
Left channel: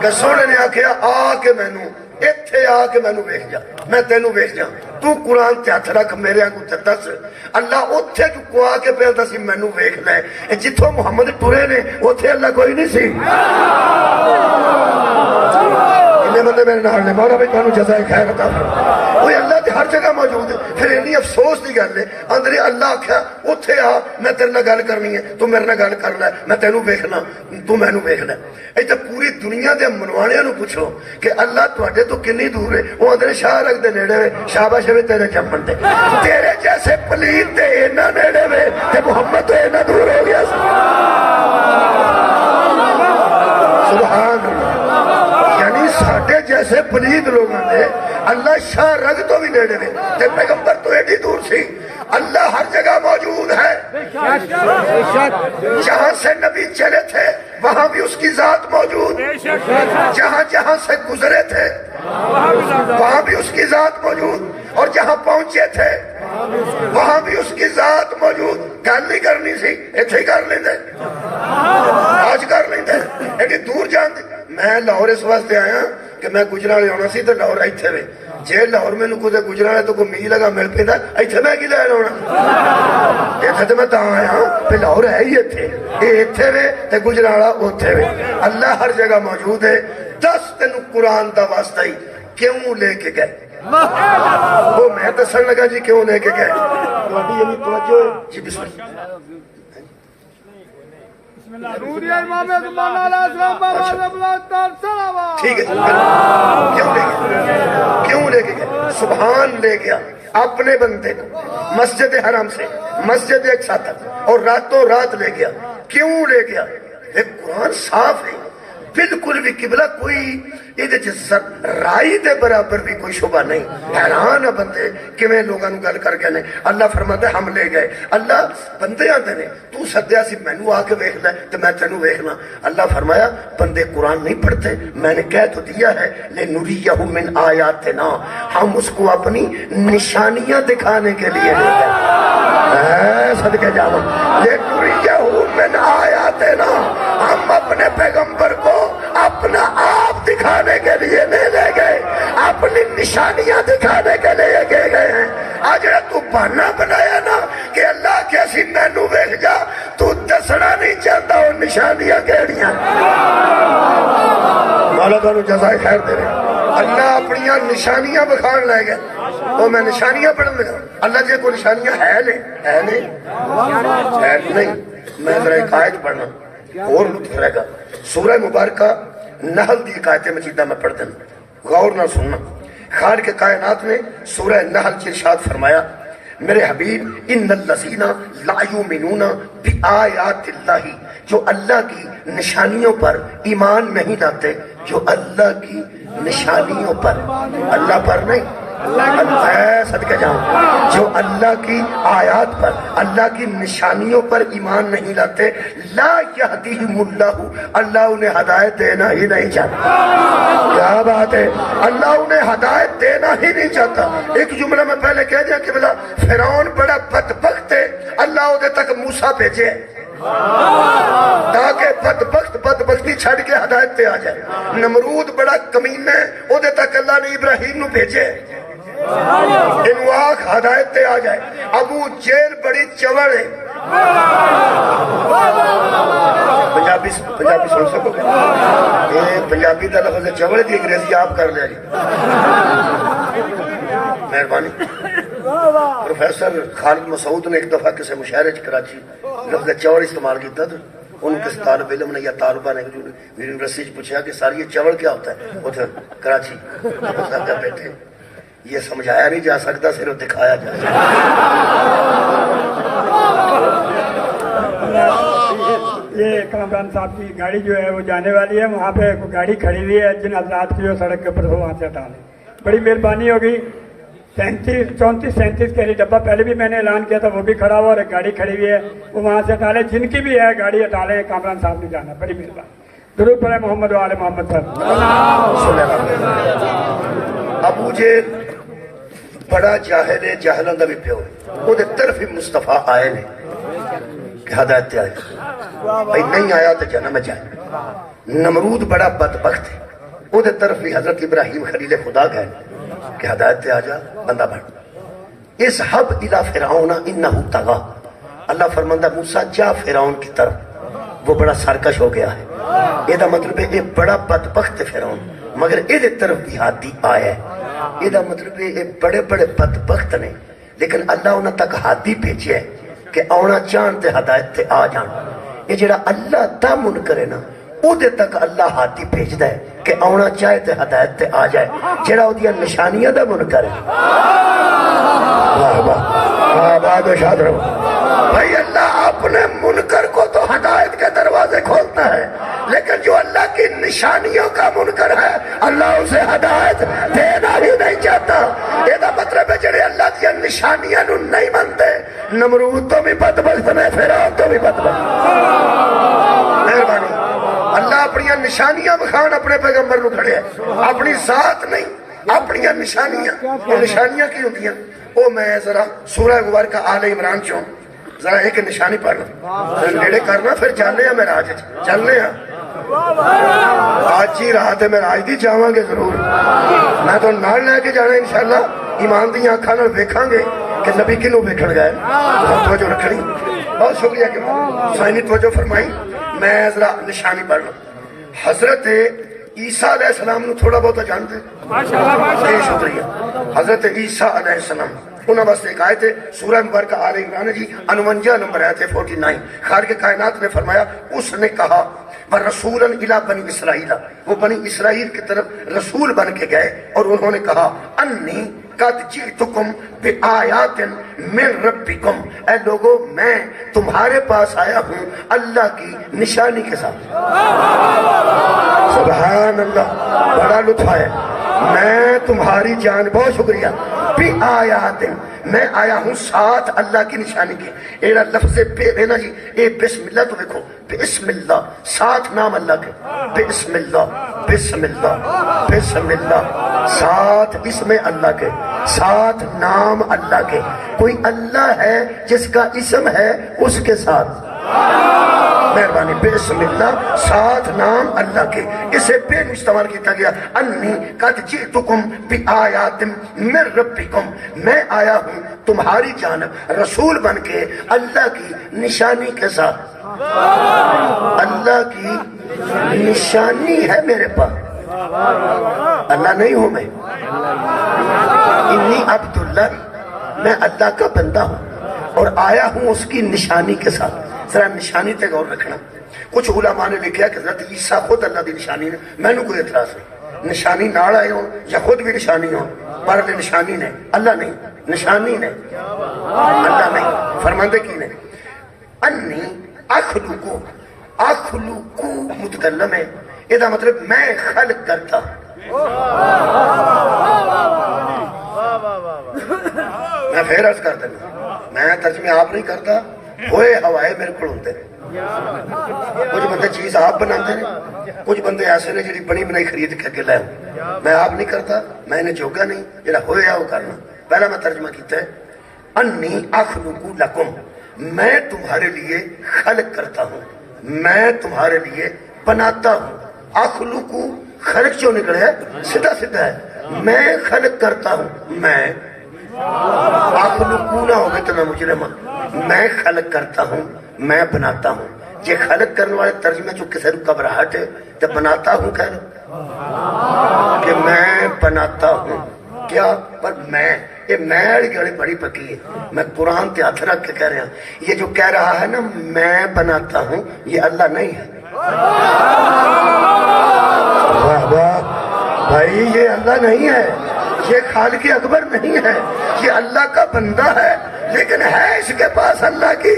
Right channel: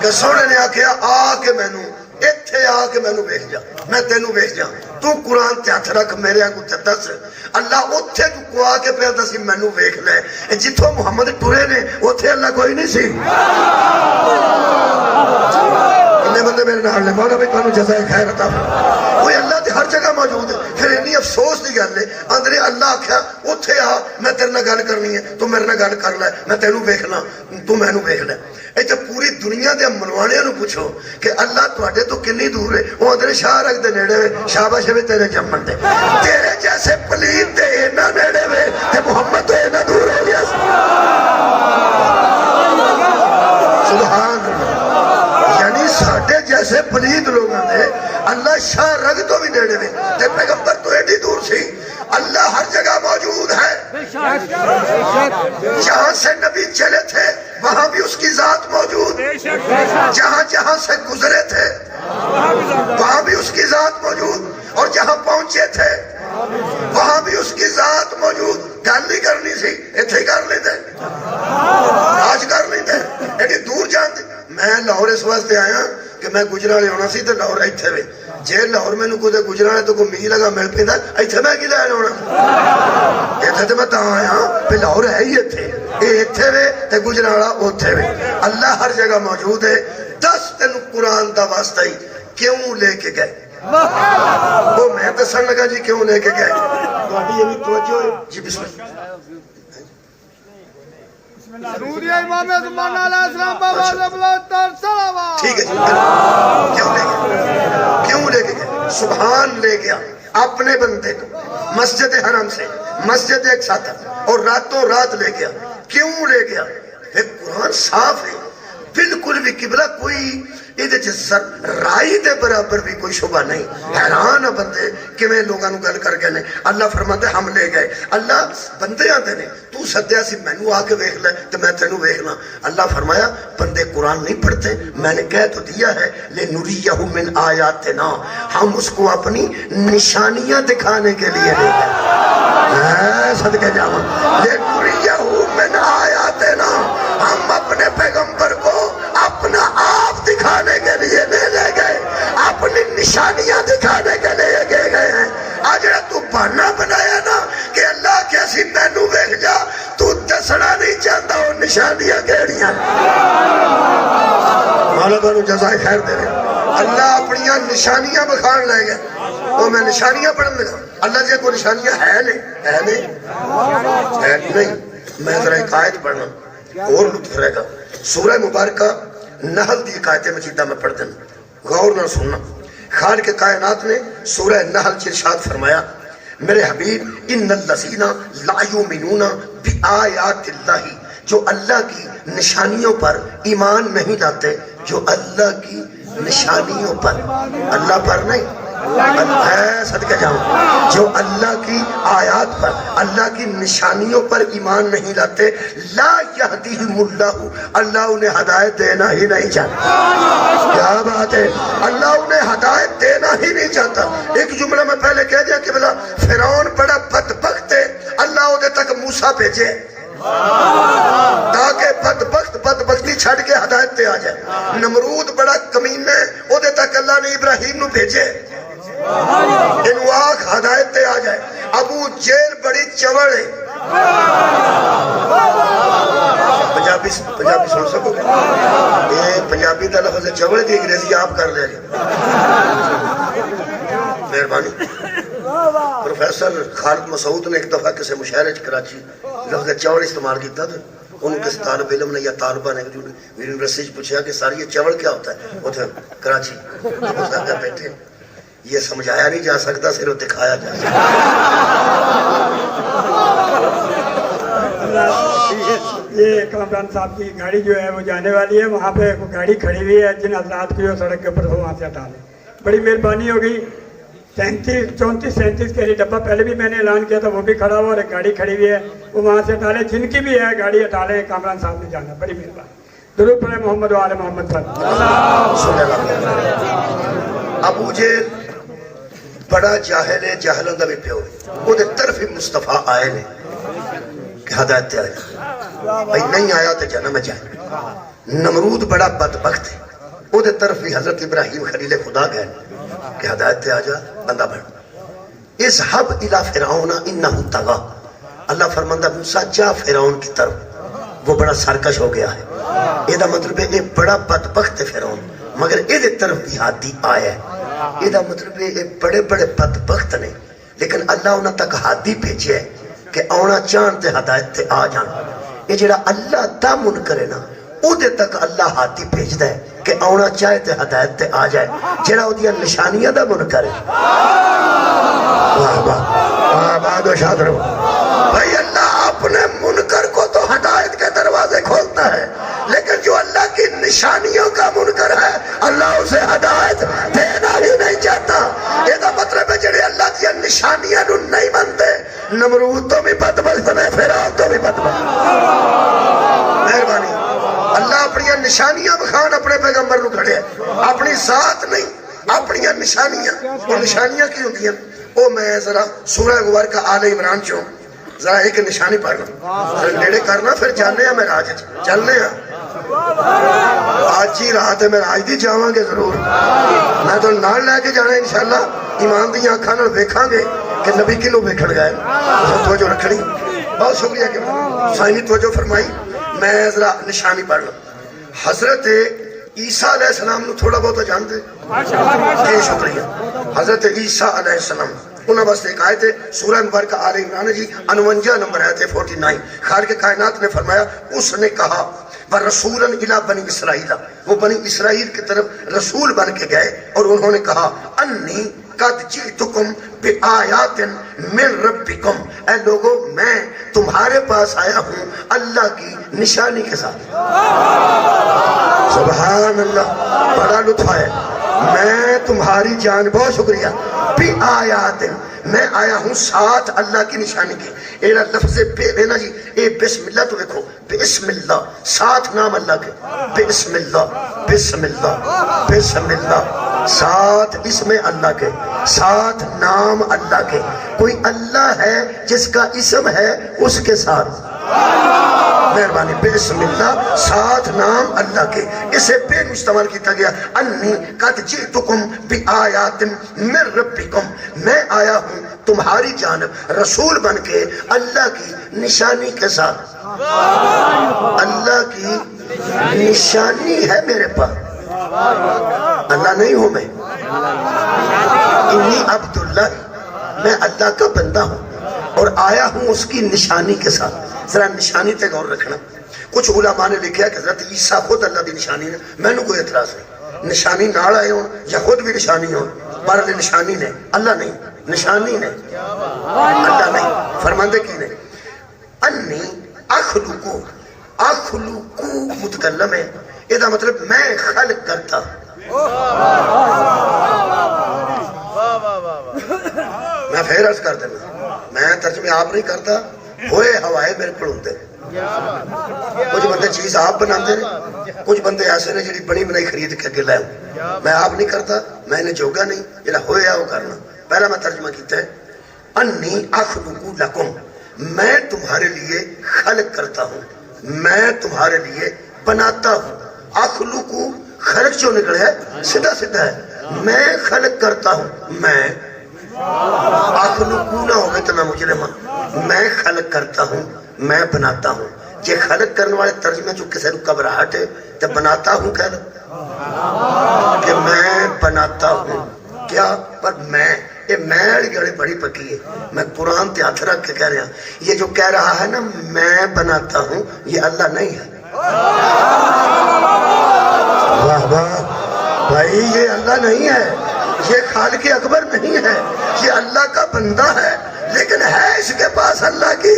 کہ سونے نے آکھیا آ کے مینوں ایتھے آ کے مینوں ویکھ جا میں تینوں ویکھ جا تو قرآن تے ہاتھ رکھ میرے کو تے دس اللہ اوتھے کو آ کے پیا دسی مینوں ویکھ لے جتھوں محمد ٹرے نے اوتھے اللہ کوئی نہیں سی بندے میرے نال نے مولا بھی تانوں جزائے خیر عطا فرمائے کوئی اللہ تے ہر جگہ موجود ہے پھر اتنی افسوس دی گل ہے اندر اللہ آکھیا اوتھے آ میں تیرے نال گل کرنی ہے تو میرے نال گل کر لے میں تینوں ویکھنا تو مینوں ویکھ لے ایتھے پوری دنیا دے منواڑیاں نو پوچھو کہ اللہ تواڈے تو کنی دور ہے او اندر شاہ رکھ دے نیڑے شاباش وے تیرے جمن تے تیرے جیسے پلید تے اینا نیڑے وے تے محمد تو اینا دور ہو گیا سبحان اللہ یعنی ساڑھے جیسے پلید لوگوں نے اللہ شاہ رگ تو بھی نیڑے میں تے پیغمبر تو ایڈی دور سی اللہ ہر جگہ موجود ہے جہاں سے نبی چلے تھے وہاں بھی اس کی ذات موجود جہاں جہاں سے گزرے تھے وہاں بھی اس کی ذات موجود اور جہاں پہنچے تھے وہاں بھی اس کی ذات موجود گل نہیں کرنی سی ایتھے ہی کر لیندے آج کر لیندے ایڈی دور جاندے میں لاہور اس واسطے آیا کہ میں گجرالے ہونا سی تو لاہور ایتھے وے جے لاہور میں کوئی گجرالے تو کوئی میل لگا مل پیندا ایتھے میں کی لین ہونا ایتھے تے میں تاں آیا پہ لاہور ہے ہی ایتھے اے ایتھے وے تے گجرالا اوتھے وے اللہ ہر جگہ موجود ہے دس تینوں قرآن دا واسطہ ہی کیوں لے کے گئے وہ میں دسن لگا جی کیوں لے کے گئے تہاڈی یعنی توجہ ہے جی بسم اللہ ٹھیک ہے کیوں لے کے گئے سبحان لے گیا اپنے بندے کو مسجد حرم سے مسجد ایک ساتھ اور راتوں رات لے گیا کیوں لے گیا ایک قرآن صاف ہے بالکل بھی قبلہ کوئی رائی دے برابر بھی کوئی شبہ نہیں حیران بندے کیویں لوگاں نو گل کر گئے اللہ فرماتا ہے ہم لے گئے اللہ بندے آتے نے تو سدیا سی مینوں آ کے ویکھ لے تے میں تینوں ویکھنا اللہ فرمایا بندے قرآن نہیں پڑھتے میں نے کہہ تو دیا ہے لنریہ من آیاتنا ہم اس کو اپنی نشانیاں دکھانے کے لیے لے گئے صدقے جاواں لنریہ من آیاتنا ہم اپنے پیغمبر کو اپنا آپ دکھانے کے لیے نہیں لے گئے اپنی نشانیاں دکھانے کے لیے گئے ہیں آج تو بہانا بنایا نا کہ اللہ کیسی مینوں ویکھ جا تو دسنا نہیں چاہتا وہ نشانیاں کیڑیاں مولا تانوں جزائے خیر دے اللہ اپنی نشانیاں بکھان لے گئے اور میں نشانیاں پڑھن لگا اللہ جی کوئی نشانیاں ہے نہیں میں ذرا ایک آیت پڑھنا اور لطف رہے گا سورہ مبارکہ نحل دی آیت مجیدہ میں پڑھ دینا غور نہ سننا خالق کائنات نے سورہ نحل کی ارشاد فرمایا میرے حبیب ان الذین لا یؤمنون بآیات اللہ جو اللہ کی نشانیوں پر ایمان نہیں لاتے جو اللہ کی نشانیوں پر اللہ پر نہیں صدقہ جاؤں جو اللہ کی آیات پر اللہ کی نشانیوں پر ایمان نہیں لاتے لا یہدیہم اللہ اللہ انہیں ہدایت دینا ہی نہیں چاہتا کیا بات ہے. اللہ انہیں ہدایت دینا ہی نہیں چاہتا. ایک جملہ میں پہلے کہہ دیا کہ بلا فرعون بڑا بدبخت ہے, اللہ ادھے تک موسیٰ بھیجے تاکہ بدبختی چھڑ کے ہدایت تے آ جائے. نمرود بڑا کمینہ ہے, ادھے تک اللہ نے ابراہیم نو بھیجے انواق ہدایت تے آ جائے. ابو جیل بڑی چوڑ ہے. پنجابی سن سکو گے؟ یہ پنجابی دا لفظ چوڑ دی انگریزی آپ کر لیا جی. مہربانی. پروفیسر خالد مسعود نے ایک دفعہ کسی مشاعرے کراچی لفظ چوڑ استعمال کیتا تھا. ان کس طالب علم نے یا طالبہ نے یونیورسٹی پوچھا کہ ساری یہ چوڑ کیا ہوتا ہے ادھر کراچی. بیٹھے یہ سمجھایا نہیں جا سکتا, صرف دکھایا جا سکتا. یہ کامران صاحب کی گاڑی جو ہے وہ جانے والی ہے, وہاں پہ گاڑی کھڑی ہوئی ہے. جن حضرات کی وہ سڑک کے اوپر وہاں سے ہٹا لیں. بڑی مہربانی ہوگی. 34-37 کے لیے ڈبہ پہلے بھی میں نے اعلان کیا تھا, وہ بھی کھڑا ہوا اور ایک گاڑی کھڑی ہوئی ہے, وہ وہاں سے ہٹا لیں. جن کی بھی ہے گاڑی ہٹا لیں. کامران صاحب نے جانا. بڑی مہربانی. درود پڑھیں محمد و آل محمد پر. ابو جیل بڑا جاہل ہے, جاہلوں کا بھی پیو ہے. وہ طرف ہی مصطفیٰ آئے نے کہ ہدایت تے آئے بھائی, نہیں آیا تو جنم جائے. نمرود بڑا بدبخت ہے, وہ طرف بھی حضرت ابراہیم خلیل خدا گئے کہ ہدایت تے آ جا, بندہ بن. اذهب الى فرعون انه طغى. اللہ فرماندہ موسیٰ جا فرعون کی طرف, وہ بڑا سرکش ہو گیا ہے. یہ مطلب ہے یہ بڑا بدبخت ہے فرعون, مگر یہ طرف بھی ہاتھی آیا ہے. یہ مطلب ہے یہ بڑے بڑے بدبخت نے, لیکن اللہ انہوں تک ہاتھی بھیجے ہے کہ آنا چاہن تے ہدایت تے آ جان. یہ جڑا اللہ دا منکر ہے نا, او دے تک اللہ ہاتھی بھیجدا ہے کہ آنا چاہے تے ہدایت تے آ جائے. جڑا او دیاں نشانیاں دا منکر ہے, واہ واہ آباد و شاد رہو بھائی. اللہ اپنے منکر کو تو ہدایت کے دروازے کھولتا ہے, لیکن جو اللہ کی نشانیوں کا منکر ہے اللہ اسے ہدایت دینا ہی نہیں چاہتا. یہ مطلب ہے جڑے اللہ کی نشانیاں نو نہیں منتے, نمرود تو بھی بدبخت نے, فرعون تو بھی بدبخت. مہربانی. اللہ اپنی نشانیاں بخان اپنے پیغمبر نو کھڑے ہے, اپنی ذات نہیں, اپنی نشانیاں. وہ نشانیاں کی ہوتی ہیں, وہ میں ذرا سورہ غور کا آل عمران چوں ذرا ایک نشانی پڑھ لوں, ذرا نیڑے کرنا, پھر جانے ہیں میراج چلنے ہیں. آج ہی رات ہے میراج دی, جاواں گے ضرور. میں تو نال لے کے جانا انشاءاللہ. ایمان دی آنکھاں نال ویکھاں گے کہ نبی کنوں ویکھن گئے. توجہ رکھنی. بہت شکریہ کہ سائنی توجہ فرمائی. میں ذرا نشانی پڑھ لوں. حضرت عیسیٰ علیہ السلام نو تھوڑا بہت جانتے جی, شکریہ. حضرت عیسیٰ علیہ السلام انہوں واسطے ایک آیت ہے سورہ مبارکہ آل عمران جی 49 نمبر آیت ہے 49. خالق کائنات نے فرمایا, اس نے کہا وَرَسُولًا إِلَىٰ بَنِي إِسْرَائِيلَ, وہ بنی اسرائیل کی طرف رسول بن کے گئے اور انہوں نے کہا انی قد جئتکم بآیات من ربکم, اے لوگو میں تمہارے پاس آیا ہوں اللہ کی نشانی کے ساتھ. سبحان اللہ, بڑا لطف ہے. میں تمہاری جان, بہت شکریہ. بآیات, میں آیا ہوں ساتھ اللہ کی نشانی کے. ایرا لفظ بے دینا جی, اے بسم اللہ تو دیکھو, بسم اللہ ساتھ نام اللہ کے, بسم اللہ بسم اللہ بسم اللہ, ساتھ اسم اللہ کے, ساتھ نام اللہ کے. کوئی اللہ ہے جس کا اسم ہے اس کے ساتھ. مہربانی. بسم اللہ ساتھ نام اللہ کے, اسے بے استعمال کیا گیا. انی قد جئتکم بآیات من ربکم, میں آیا ہوں تمہاری جانب رسول بن کے اللہ کی نشانی کے ساتھ. اللہ کی نشانی ہے میرے پاس, اللہ نہیں ہوں میں. انی عبداللہ, میں اللہ کا بندہ ہوں اور آیا ہوں اس کی نشانی کے ساتھ. ذرا نشانی تے غور رکھنا. کچھ علماء نے لکھا کہ حضرت عیسیٰ خود اللہ دی نشانی نے. میں نے کوئی اعتراض نہیں, نشانی نال آئے ہوں یا خود بھی نشانی ہوں, پر نشانی نے, اللہ نہیں. نشانی نے, اللہ نہیں. فرماندے کی نے, انی اخلقو, اخلقو متکلم ہے, یہ مطلب میں خلق کرتا. میں پھر عرض کر دینا, میں ترجمے آپ نہیں کرتا, ہوئے ہوائے میرے کو ہوتے ہیں. کچھ بندے چیز آپ بناتے ہیں, کچھ بندے ایسے نے جی بنی بنائی خرید کے اگے لے میں آپ نہیں کرتا میں نے چوگا نہیں جڑا ہویا وہ کرنا پہلا میں ترجمہ کیتا ہے انی اخلق لکم میں تمہارے لیے خلق کرتا ہوں میں تمہارے لیے بناتا ہوں اخلق خلق جو نکلے ہے سیدھا سیدھا ہے میں خلق کرتا ہوں میں اخلق نہ ہوگے تو نہ مجرم میں خلق کرتا ہوں میں بناتا ہوں یہ خلق کرنے والے ترجمے جو کسی کو گھبراہٹ ہے تو بناتا ہوں کہہ لو کہ میں بناتا ہوں کیا پر میں یہ میں گڑی بڑی پکی ہے میں قرآن تے ہاتھ رکھ کے کہہ رہا ہوں یہ جو کہہ رہا ہے نا میں بناتا ہوں یہ اللہ نہیں ہے واہ واہ بھائی یہ اللہ نہیں ہے یہ خالق اکبر نہیں ہے یہ اللہ کا بندہ ہے لیکن ہے اس کے پاس اللہ کی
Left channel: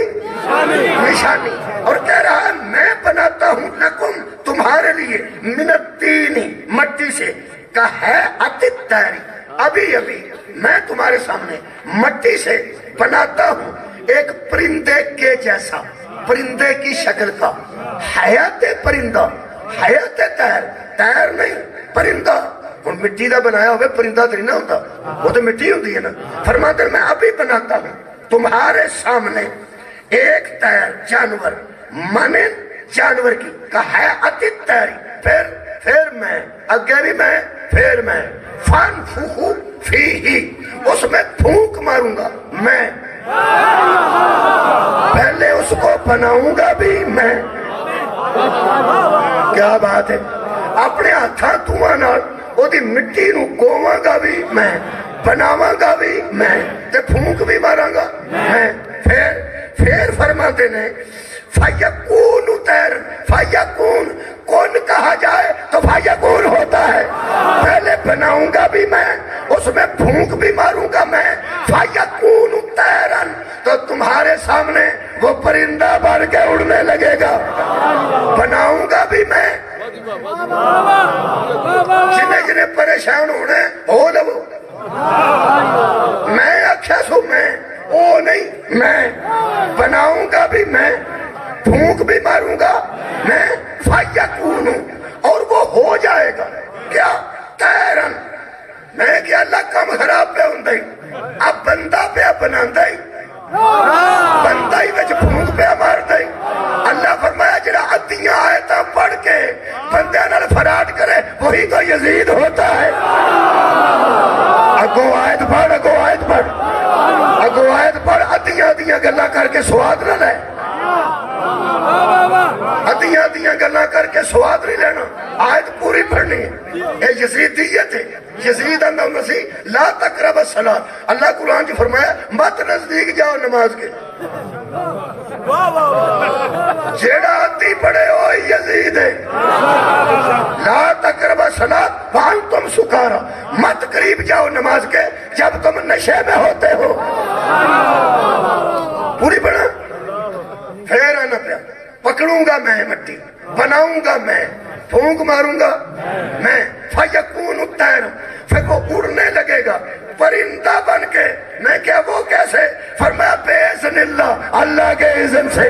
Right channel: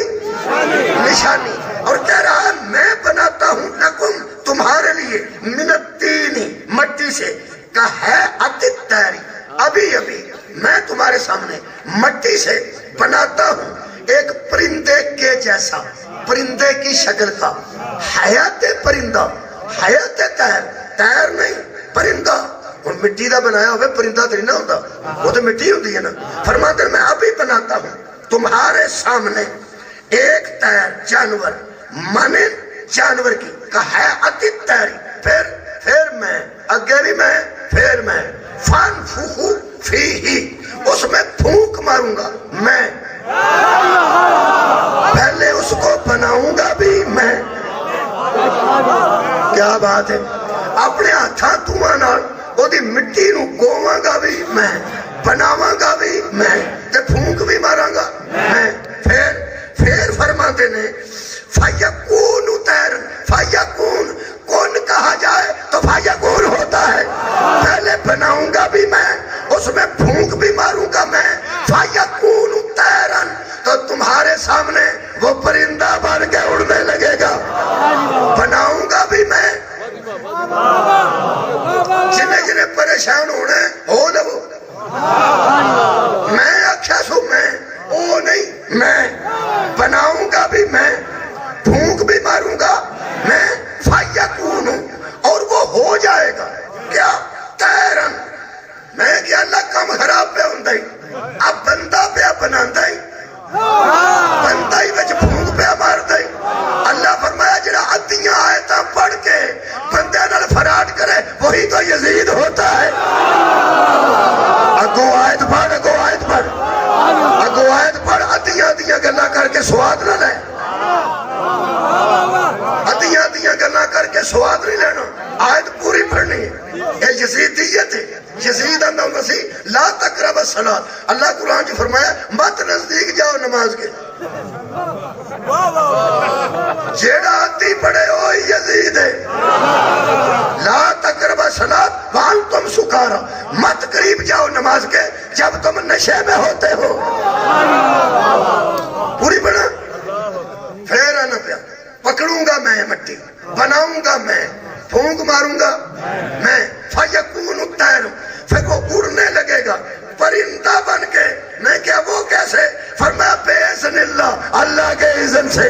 نشانی اور کہہ رہا ہے میں بناتا ہوں لکم تمہارے لیے من الطین مٹی سے کا ہے الطیر ابھی ابھی میں تمہارے سامنے مٹی سے بناتا ہوں ایک پرندے کے جیسا پرندے کی شکل کا حیات پرندہ حیات طیر طیر نہیں پرندہ اور مٹی دا بنایا ہوئے پرندہ تو نہیں نہ ہوتا وہ تو مٹی ہوتی ہے نا فرماتے ہیں میں ابھی بناتا ہوں تمہارے سامنے ایک طیر جانور مانے جانور کی کا ہے الطیر پھر میں اگے بھی میں پھر میں فان فوخو فی ہی اس میں پھونک ماروں گا میں پہلے اس کو بناؤں گا بھی میں کیا بات ہے اپنے ہاتھاں دھواں نال وہ مٹی نو گواں گا بھی میں بناواں گا بھی میں تے پھونک بھی ماراں گا میں پھر فرماتے نے فیکون طیر فیکون کون کہا جائے تو فیکون ہوتا ہے پہلے بناؤں گا بھی میں اس میں پھونک بھی ماروں گا میں فیکون طیرن تو تمہارے سامنے وہ پرندہ بن کے اڑنے لگے گا بناؤں گا بھی میں جنہیں پریشان ہونے ہو لو میں اچھا سو میں او نہیں میں بناؤں گا بھی میں پھونک بھی ماروں گا میں فیکون اور وہ ہو جائے گا کیا تیرن میں کیا اللہ کم خراب پہ ہوں اب بندہ پہ بنا بندہ ہی وچ پھونک پہ مار دے اللہ فرمایا جڑا ادیاں آیتاں پڑھ کے بندے نال فراڈ کرے وہی تو یزید ہوتا ہے اگو آیت پڑھ اگو آیت پڑھ ادیاں گلاں کر کے سواد نہ لے ادیاں گلاں کر کے سواد نہیں لینا آیت پوری پڑھنی ہے یہ یزیدیت ہے یزید اندر مسیح لا تقرب الصلاۃ اللہ قرآن جو فرمایا مت نزدیک جاؤ نماز کے جیڑا ادی پڑھے ہو یزید ہے لا تقرب الصلاۃ وانتم سکارا مت قریب جاؤ نماز کے جب تم نشے میں ہوتے ہو پوری پڑھا پھر آنا پیا پکڑوں گا میں مٹی بناؤں گا میں پھونک ماروں گا میں فیکون طیر پھر وہ اڑنے لگے گا پرندہ بن کے میں کیا وہ کیسے فرمایا باذن اللہ اللہ کے اذن سے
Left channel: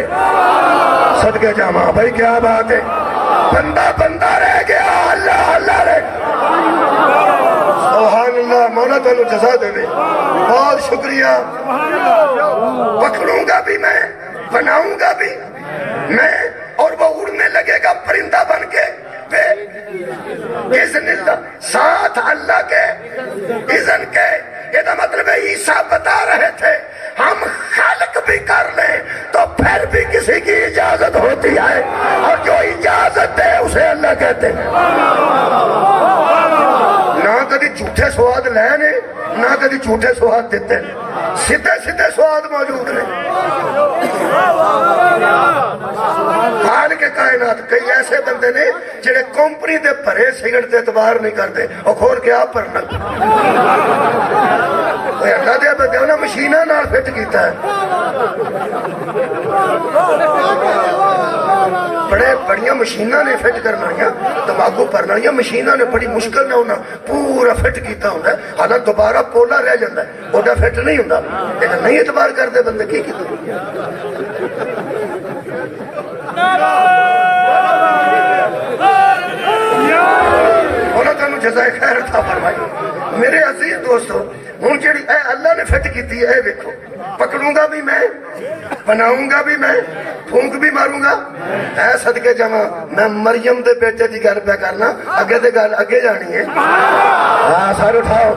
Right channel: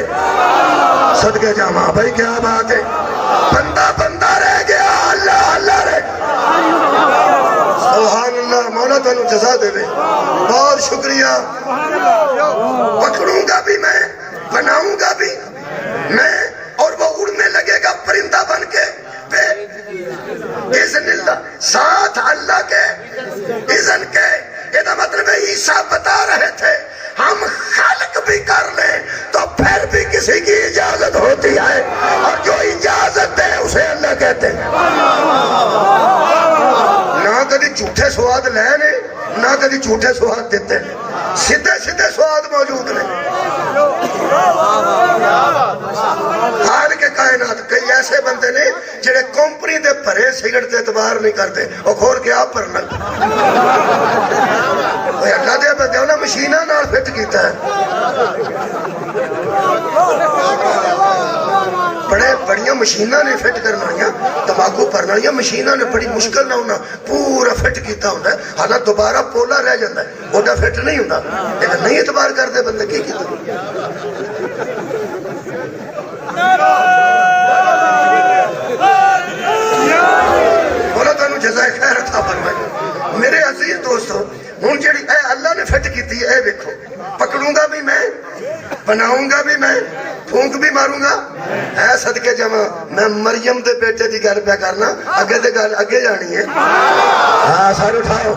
صدقے جامع بھائی کیا بات ہے بندہ رہ گیا اللہ رہ سبحان اللہ مولا تعالی جزا دے بہت شکریہ پکڑوں گا بھی میں بناؤں گا بھی میں اور وہ اڑنے لگے گا پرندہ بن کے اذن اللہ ساتھ اللہ کے اذن کے یہ مطلب ہے عیسیٰ بتا رہے تھے ہم خلق بھی کر لیں تو پھر بھی کسی کی اجازت ہوتی ہے اور جو اجازت دے اسے اللہ کہتے ہیں نہ کدی جھوٹے سواد لے نے نہ کدی جھوٹے سواد دیتے سیدھے سواد موجود نہیں خالق کے کائنات کئی ایسے بندے نے جڑے کمپنی دے بھرے سگرٹ تے اعتبار نہیں کرتے اور کھول کے آپ بھرنا کوئی اللہ دیا بندے انہیں مشینہ نال فٹ کیتا ہے بڑیاں مشینہ نے فٹ کرنا یا تماکو بھرنا یا مشینہ نے بڑی مشکل نہ ہونا پورا فٹ کیتا ہوتا ہے حالانکہ دوبارہ پولا رہ جاتا ہے اوڈا فٹ نہیں ہوتا لیکن نہیں اعتبار کرتے بندے کی کیتا جزائے خیر عطا فرمائے. میرے عزیز دوستو ہوں جی اے اللہ نے فٹ کی اے ویکھو پکڑوں گا بھی میں بناؤں گا بھی میں پھونک بھی ماروں گا اے صدقے جمع میں مریم دے بیٹے کی گل پہ کرنا اگے تے گل اگے جانی ہے. ہاں سر اٹھاؤ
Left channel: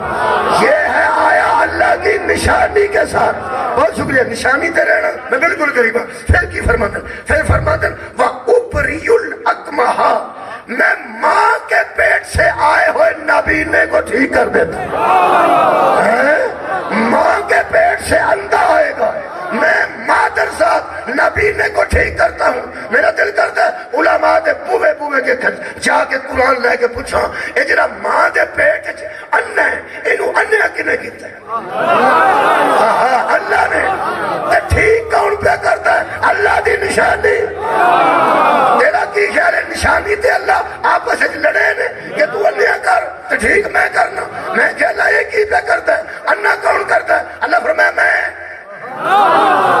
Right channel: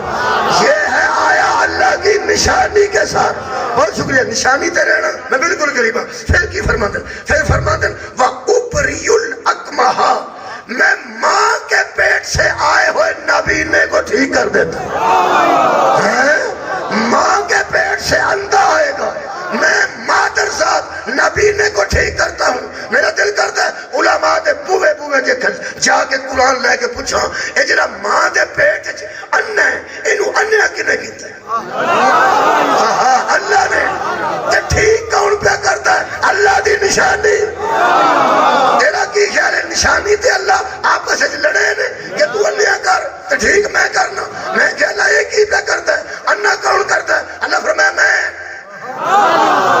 یہ ہے آیا اللہ کی نشانی کے ساتھ. بہت شکریہ. نشانی تے رہنا میں بالکل قریب ہوں. پھر کی فرماتے پھر فرماتے وَأُبْرِئُ الْأَكْمَحَ میں ماں کے پیٹ سے آئے ہوئے نابینے کو ٹھیک کر دیتا ہوں. ماں کے پیٹ سے اندھا آئے گا میں مادر صاحب نبینے کو ٹھیک کرتا ہوں. میرا دل کرتا ہے علماء دے بوے بوے کے جا کے قرآن لے کے پوچھا اے جڑا ماں دے پیٹ انہ ہے اینو انہ کنے کیتا ہے؟ اللہ نے. تے ٹھیک کون پہ کرتا ہے؟ اللہ دی نشانی. تیرا کی خیال ہے نشانی تے اللہ آپس وچ لڑے نے کہ تو انیا کر تے ٹھیک میں کرنا. میں کہ اللہ یہ کی پہ کرتا ہے؟ انہ کون کرتا ہے؟ اللہ فرمایا میں.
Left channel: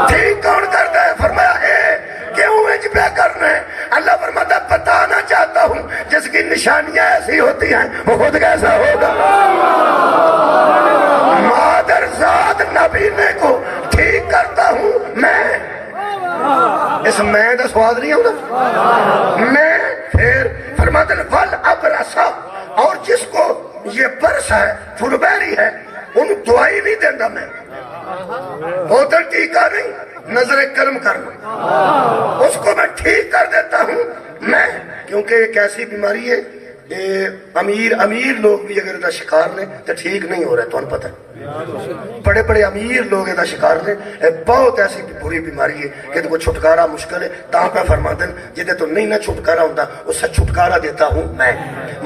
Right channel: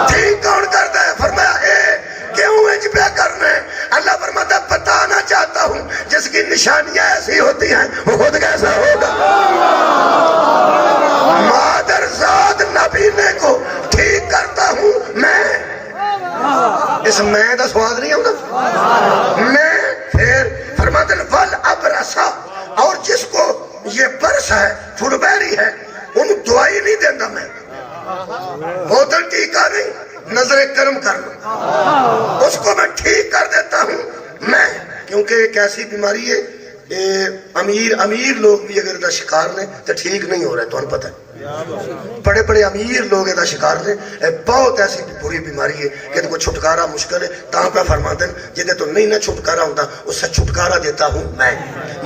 ٹھیک کون کرتا ہے؟ فرمایا اے کیوں اج پہ کرنے؟ اللہ فرماتا بتانا چاہتا ہوں جس کی نشانیاں ایسی ہوتی ہیں وہ خود کیسا ہوگا. مادر ذات نبینے کو ٹھیک کرتا ہوں میں. اس میں کا سواد نہیں ہوتا میں. پھر فرماتے ہیں ول ابرسا اور جس کو یہ برس ہے فلبیری ہے ان دعائی نہیں دینا میں. بوتل ٹیکا نہیں نظر کرم کر لوں اس کو میں ٹھیک کر دیتا ہوں میں. کیونکہ ایک ایسی بیماری ہے امیر لوگ بھی اگر دا شکار نے تو ٹھیک نہیں ہو رہا ہے. تو انہیں پتہ ہے بڑے بڑے امیر لوگ دا شکار نے. بہت ایسی بری بیماری ہے کہ ان کو چھٹکارا مشکل ہے. تاں پہ فرما دیں جدے تو نہیں نہ چھٹکارا ہوتا اس سے چھٹکارا دیتا ہوں میں.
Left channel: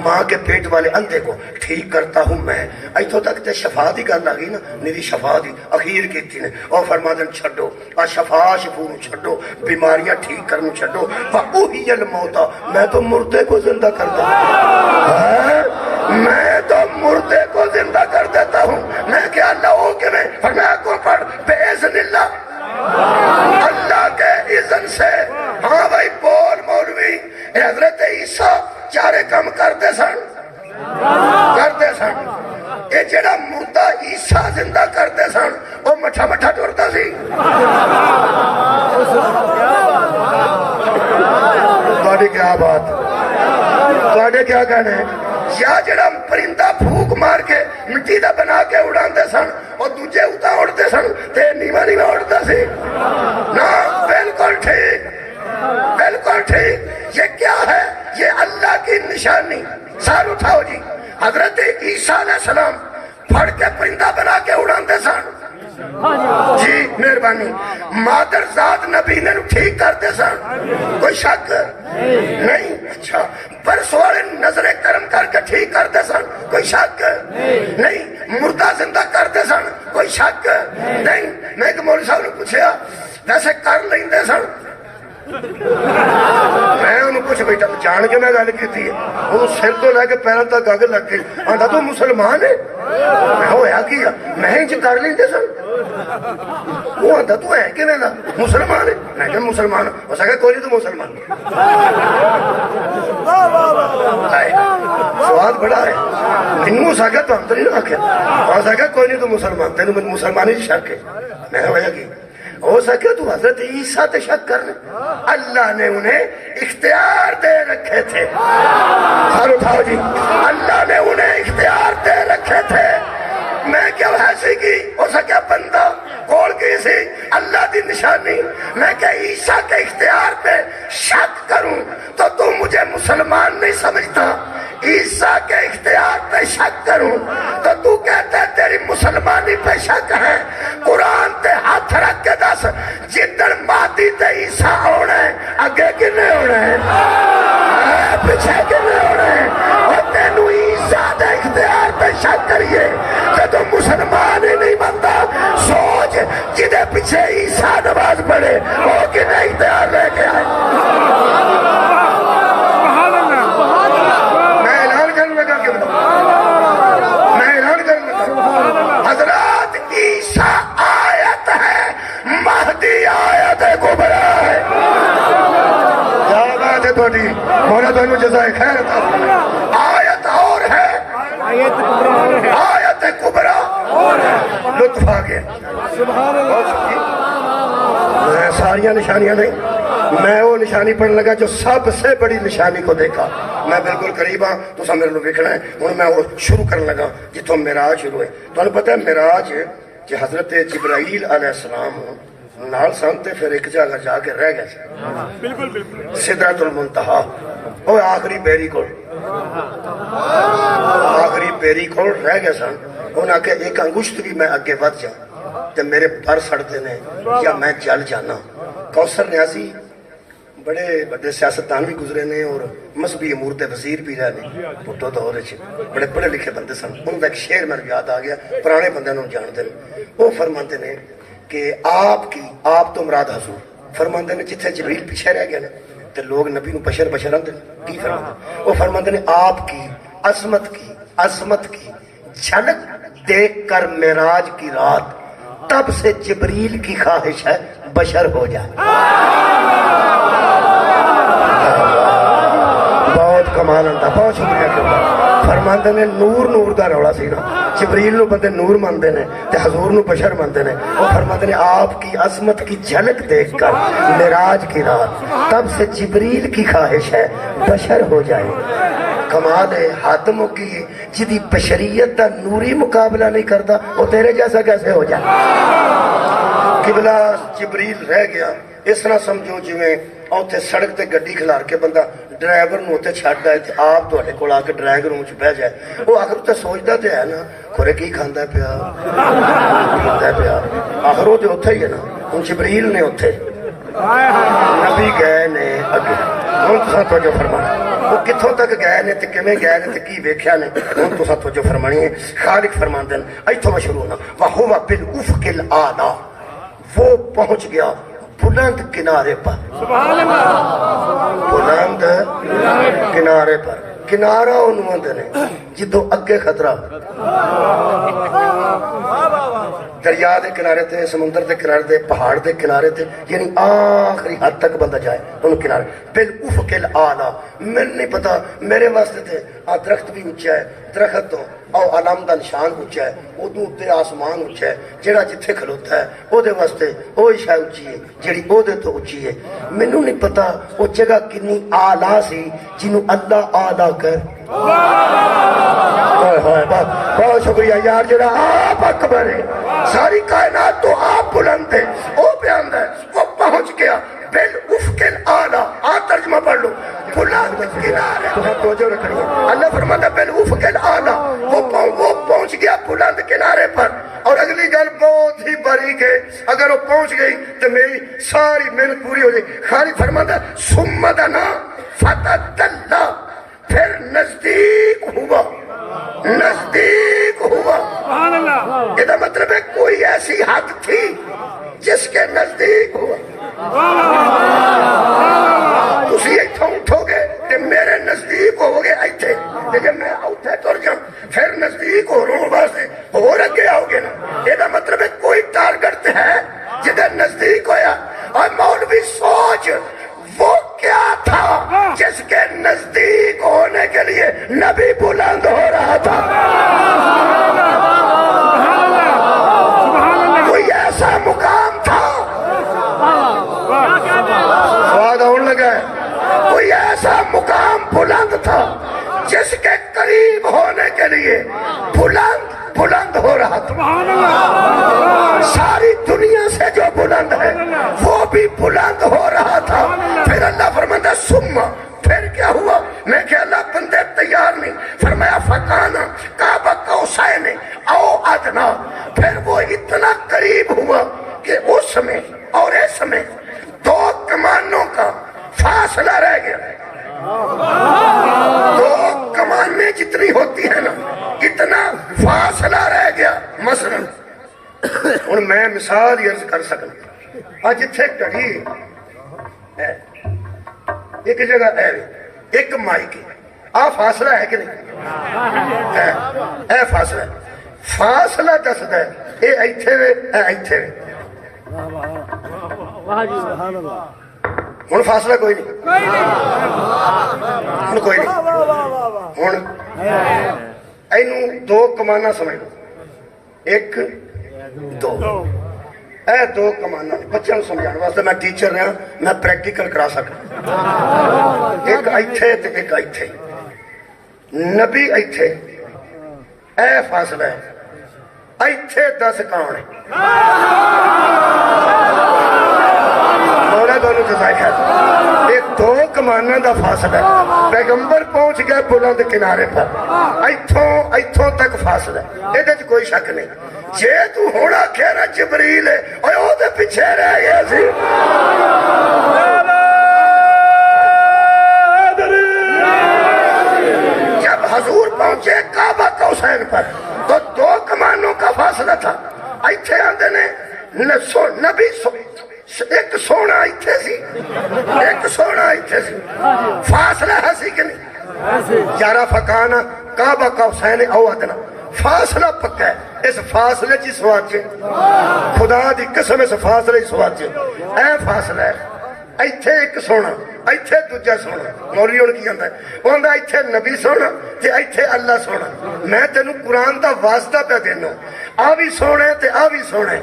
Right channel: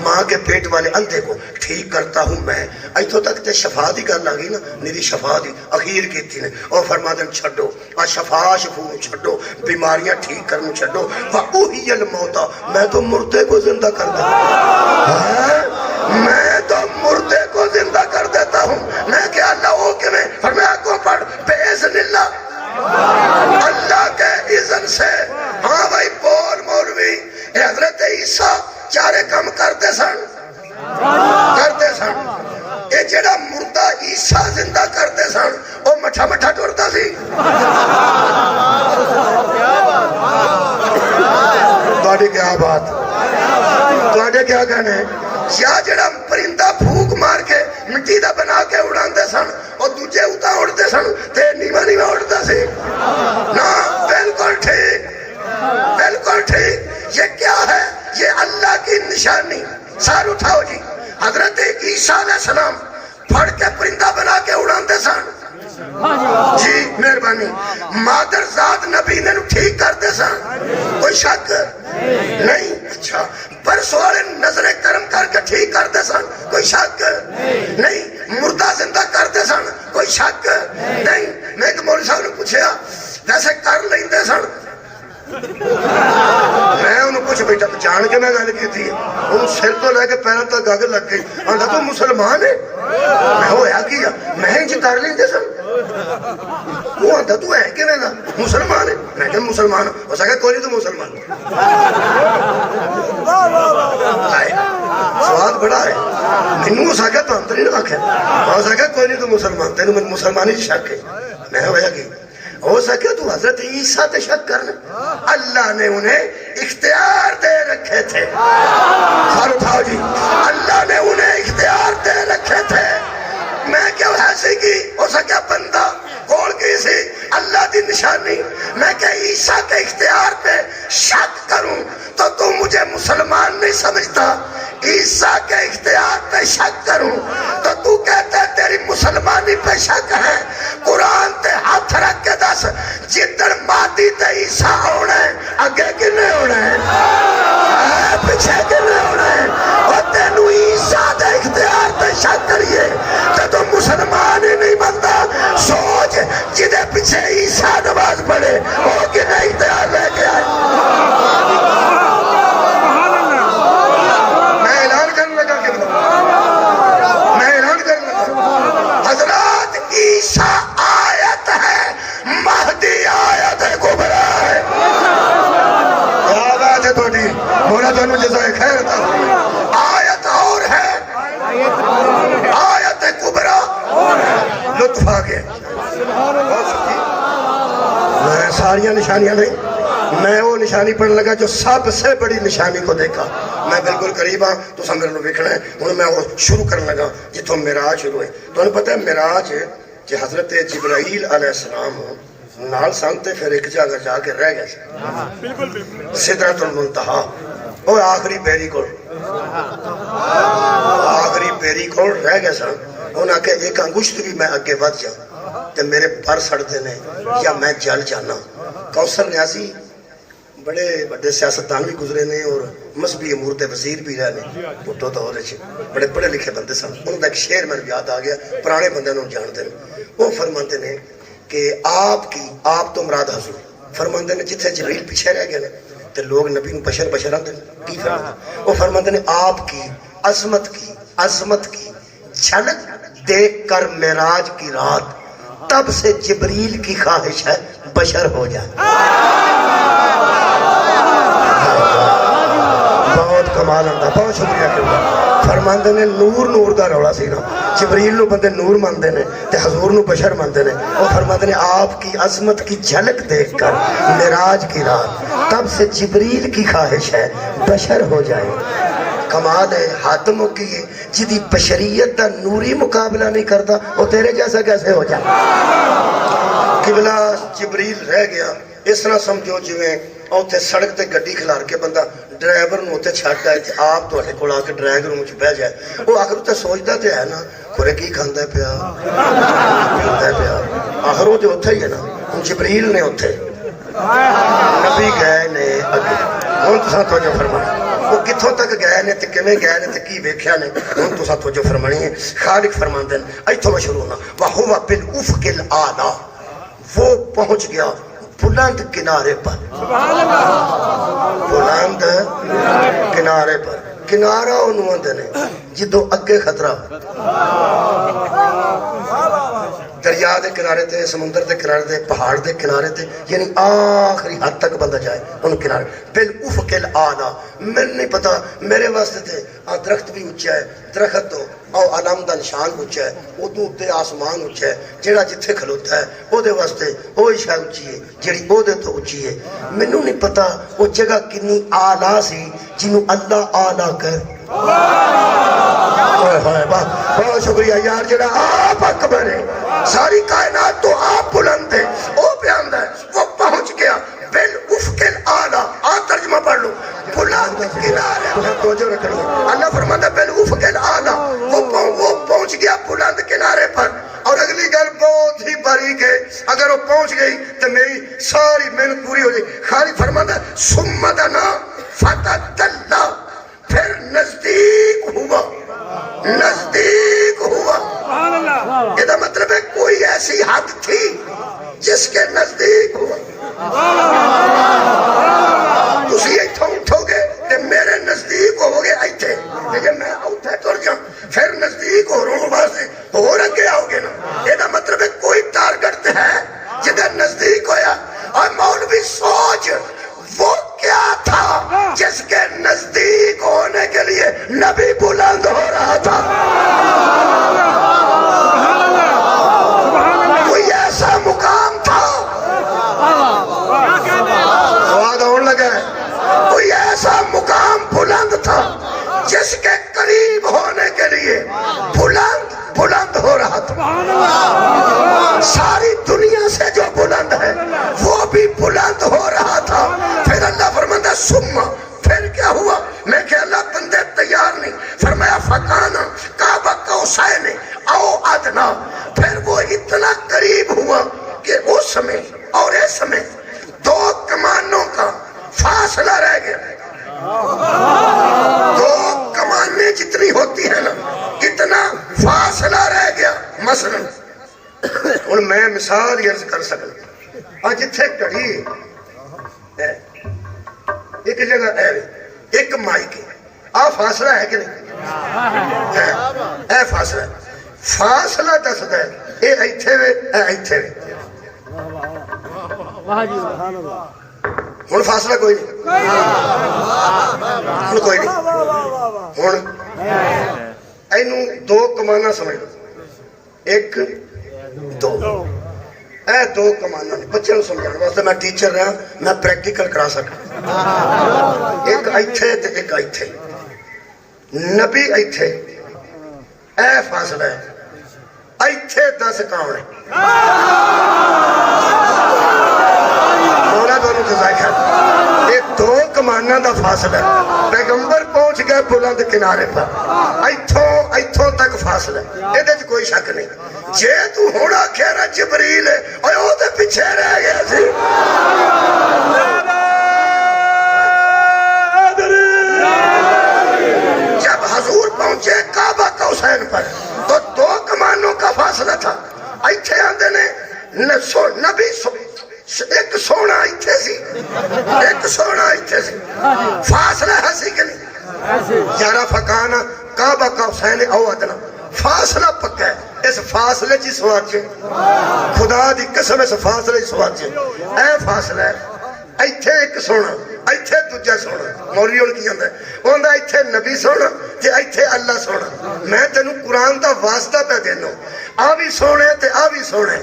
ماں کے پیٹ والے اندھے کو ٹھیک کرتا ہوں میں. ایتھوں تک تے شفا دی گل آ گئی نا. میری شفا دی اخیر کیتی نے اور فرما دیں چھڈو آ شفا شفو چھڈو بیماریاں ٹھیک کرنو چھڈو. وَأُحْيِي الْمَوْتَى میں تو مردے کو زندہ کر دیتا میں تو مردے کو زندہ کر دیتا ہوں. میں کہ اللہ ہو کہ میں فرمایا کو پڑھ بِإِذْنِ اللَّهِ اللہ کے اذن سے. ہاں بھائی بول مولوی حضرت عیسیٰ چارے کم کرتے سن اے جڑا مردہ عیسیٰ زندہ کرتے سن وہ مٹھا مٹھا ٹرتا سی. تواڈی کیا بات تواڈے کیا کہنے ہیں؟ یا جڑا پرندہ پھوک مار کے مٹی دا بنا کے اڑاندے سن اور دوجے اتا اڑتے سن تے نیواں نیواں اڑتا سی نا. بالکل ٹھیک بالکل ٹھیک. یہ کیا ہے؟ یہ اللہ کی نشانی. سال اٹھاؤ جی. حضرت عیسیٰ علیہ السلام پھڑ کے پرندہ بنا کے اڑاندے سن جی مہربانی. مادر ذات نبی نے ٹھیک کرتے سن کوئی شک نہیں. اچھا برس والے نظر کرم کر کے ٹھیک کرتے سن کوئی شک نہیں. مردہ زندہ کرتے سن کوئی شک نہیں. میں ایک مولوی صاحب نے پوچھا ویسے کر لیندے سن. میں انہوں کچھ بیٹا جان کے میں گل کی تھی انہوں سر تو لے کے پیروں تک گگ لگ گئی. آندا تو مسلمان ہے. میں ہویا کیا میں انج کر لیندے سن. وہ آندا تو ہے کہ دا مسلمان ہے. میں کہ مسلمان ہو سکے کوئی نہیں تو مسلمان. سواد بڑا ہے. مینوں ہو سکے تو ہم تو نہیں آخیا ہو سکے کوئی نہیں تو مسلمان. تینوں مسلمانی شک ہے. میں ہویا کہ ہو سکے تو حضرت عیسیٰ تے شک کر لے. اللہ نے انہیں اختیار دے رکھے تھے. ہر اٹھاؤ جی. اللہ نے انہیں اختیار دے رکھے تھے. میں کیا ایسی کی ہو سکے بندہ کول کی سی اللہ دی نشانی. میں کہ عیسیٰ کے اختیار پہ شک کروں تو مجھے مسلمان نہیں سمجھتا. عیسیٰ کے اختیار پہ شک کروں تو کہتا ہے تیری مسلمانی پہ شک ہے. قرآن تے ہاتھ رکھ کے دس جدن مادی تے عیسیٰ ہونا ہے اگے کنے ہونا ہے پیچھے کنے ہونا ہے. اور تینو عیسیٰ دے اختیار تے شک کریے تو مسلمان ہی نہیں بنتا. سوچ جدے پیچھے عیسیٰ نماز پڑھے وہ کنے اختیار لے کے آئے. حضرات عیسیٰ آیت ہے مہدی آیت ہے کبرا ہے. کیا بات ہے تھوڑی مولا تو انہوں جزائے خیر تھا. آیت اور ہے وقوف آ گیا. بہت سچی. میں ساریاں نشانیاں نہیں, میں وہ نشانی پڑھنے لگا جو سب سے بڑی نشانی کو دیکھا. میں بالکل قریب ہاں, تو میرے کو ویکھنا ہے. ہوں میں وہ شروع کرنے لگا جتوں معراج شروع ہوئے. تمہیں پتہ ہے معراج کہ حضرت جبرائیل علیہ السلام نال سن تے پھر ایک جگہ جا کے رہ گئے سدرۃ المنتہا. وہ آخری بیری کو رہ گئے سن. انہاں کہ ایک انگشت بھی میں اگے ود جا تے میرے پر سڑتے نے یا میں جل جانا. کوثر نیازی بڑے بڑے سیاستدان بھی گزرے نے اور مذہبی امور تے وزیر بھی رہے نے بھٹو دور وچ. بڑے پڑھے لکھے بندے سن. انہاں دا ایک شعر مینوں یاد آ گیا, پرانے بندے نوں جانتے نے. وہ فرماتے نے کہ آپ تو مراد حضور فرماتے نے جتھے جبریل پیچھے رہ گئے نا تے لوگ نبی نوں بشر آندے کی فرماتے. وہ فرماتے نے آپ کی عظمت کی جھلک دیکھ کر معراج کی رات تب سے جبریل کی خواہش ہے بشر ہو جائے. بہت کمال آتا, بہت شکریہ. فرماندے نے نور دا رولا سی نا, جبریل نو بندے نور مانتے ہیں تے حضور نو بشر مانتے ہیں. وہ فرماتے ہیں آپ کی عظمت کی جھلک دیکھ کر معراج کی رات تب سے جبریل کی خواہش ہے بشر ہو جائے. کمال ہے, حد مکی ہے. جدی بشریت دا نوری مقابلہ نہیں کرتا وہ تیرے جیسا کیسے ہو جائے. قبلہ جبریل رہ گیا. اس طرح سمجھو جویں اوتھے سڑک تے گڈی کھلار کے بندہ ڈرائیور نو تے چھڈ آئے تے آپ تواڈے کول آ کے ڈرائیور روم وچ بیٹھ جائے. وہ آخر تے سوچدا تے ہے نا کھورے کی کھاندا پیا. آخر وہ تے اوتھے ہی ہے نا. ہن جبریل نے اوتھے نبی گئے نے اگے. ہن تساں توجہ فرماؤ وہ کتھوں تک گئے نے تے کیویں گئے نے تے کی ویکھیا نے. ہن تساں توجہ فرمانی ہے. خالق فرماندے ہیں ایتھوں میں شروع ہونا وَهُوَ بِالْأُفْقِ الْأَعْلَىٰ. وہ پہنچ گیا بلند کنارے پر. بلند کنارے پر. کنارہ انہوں آندے نے جدوں اگے خطرہ دریا دے کنارے تے, سمندر دے کنارے تے, پہاڑ دے کنارے تے, یعنی آخری حد تک بندہ جائے ان کنارے. بالافق الاعلی. میں نہیں پتا میرے واسطے تے آ درخت بھی اونچا ہے, درخت تو او علم دا نشان اونچا ہے, ادوں تے آسمان اونچا ہے. جیڑا جتھے کھلوتا ہے او دے واسطے وہی شے اونچی ہے جیڑی او دے تو اونچی ہے. مینوں نہیں پتا او جگہ کنی اعلی سی جنوں اللہ اعلی کر. بہت شکریہ یار. جڑا آپ اکبر ہے, ساری کائنات تو آپ بلند ہے. وہ بیان ہے وہ پہنچ گیا بالافق الاعلی. آ ترجمہ پڑھ لو بلند کنارے. توجہ رکھنی ہے. اللہ فرماتا ہے بالافق الاعلی. وہ پہنچ گیا بلند کنارے پر. اور اگلی گل بہت ہی باریک ہے, اگر وہ پہنچ گئی تو میری ساری محنت پوری ہو جائے. خالق فرماتا ہے ثم دنا فتدلی. پھر نزدیک ہوا. یہ مطلب ہے کوئی ایسی حد تھی جس کے نزدیک ہوا. تسی ایتھوں اٹھو گے تے میرے نزدیک ہو گے ایتھے, جب میں اوتھے تر جاؤں پھر نزدیک ہو رہوں واسطے اور اگے آؤ گے نا. یہ مطلب ہے کوئی ٹارگٹ ہے جدھر نزدیک ہویا. اور مولوی سوچ وہ کیا تھا جس کے نزدیک ہونے کے لیے نبی بلند ہو رہا تھا. کوئی ایسا مقام تھا, سواد ہونے لگا ہے, کوئی ایسا مقام بلند تھا جس کے قریب ہونے کے لیے بلند ہو رہا تھا. ساری دنیا سے جو بلند ہے وہ بھی بلند ہو رہا تھا. پھر اللہ فرماتا ثم, پھر کیا ہوا؟ میں کہ اللہ بندے تیار نہیں. فرمایا فکانا کعبہ قوسین او ادنا. پھر وہ اتنا قریب ہوا کہ اس میں اور اس میں 2 کمانوں کا فاصلہ رہ گیا. 2 کمانیں جتنی ہوتی ہیں نا اتنا فاصلہ رہ گیا. مثلا ہن میں مثال عرض کر سکتا. اج اتھے گھڑی ہے, ایک جگہ ہے, ایک مائک ہے. آ فاصلہ ہے کہ نہیں؟ اے فاصلہ دسدا ہے اے ایتھے وے اے ایتھے وے. ہن فاصلہ کوئی نہیں, ہن کوئی نہیں. ہن اینوں 2 کماناں سمجھ لو, ایک دو اے دو کمانا بچوں کو سمجھانے واسطے میں ٹیچر رہا میں پریکٹیکل کرا سکتا ایک ایتھے تے ایک ایتھے نبی ایتھے اے فاصلہ ہے ایتھے 10 کون ہے مولا دونوں جزائے خیر یہ دو کمانوں دا فاصلہ ہے پیغمبر پہنچ گئے بلند کنارے پر ایتھوں تک فاصلہ ہے یہ کوئی شک نہیں جے تو ہونا کہنا جبریل ہے اور وہ دے پیچھے رہ گیا سی جب حضور پہنچے کعبہ کوثین پر تو 2 کمانوں کا فاصلہ تھا ایتھے آندے نے نبی ایک سونا ایتھے سی ایک سونا ایتھے سی فاصلہ ہے سی کہ نہیں یارہ فکانا کعبہ کوثین او ادنا فاصلہ پکا ہے اس فاصلے چی سواچے خدا دی قسم اس فاصلے چی سواچے اے فاصلہ ہے ایتھے ایک سونا ایتھے دوجا سونا مولی ان کی آندہ ہے وہ آندہ ایتھے نبی سونا تے ایتھے اللہ سونا میں تینوں قرآن دا واسطہ پہ دینا آوی سونے تے آوی سونے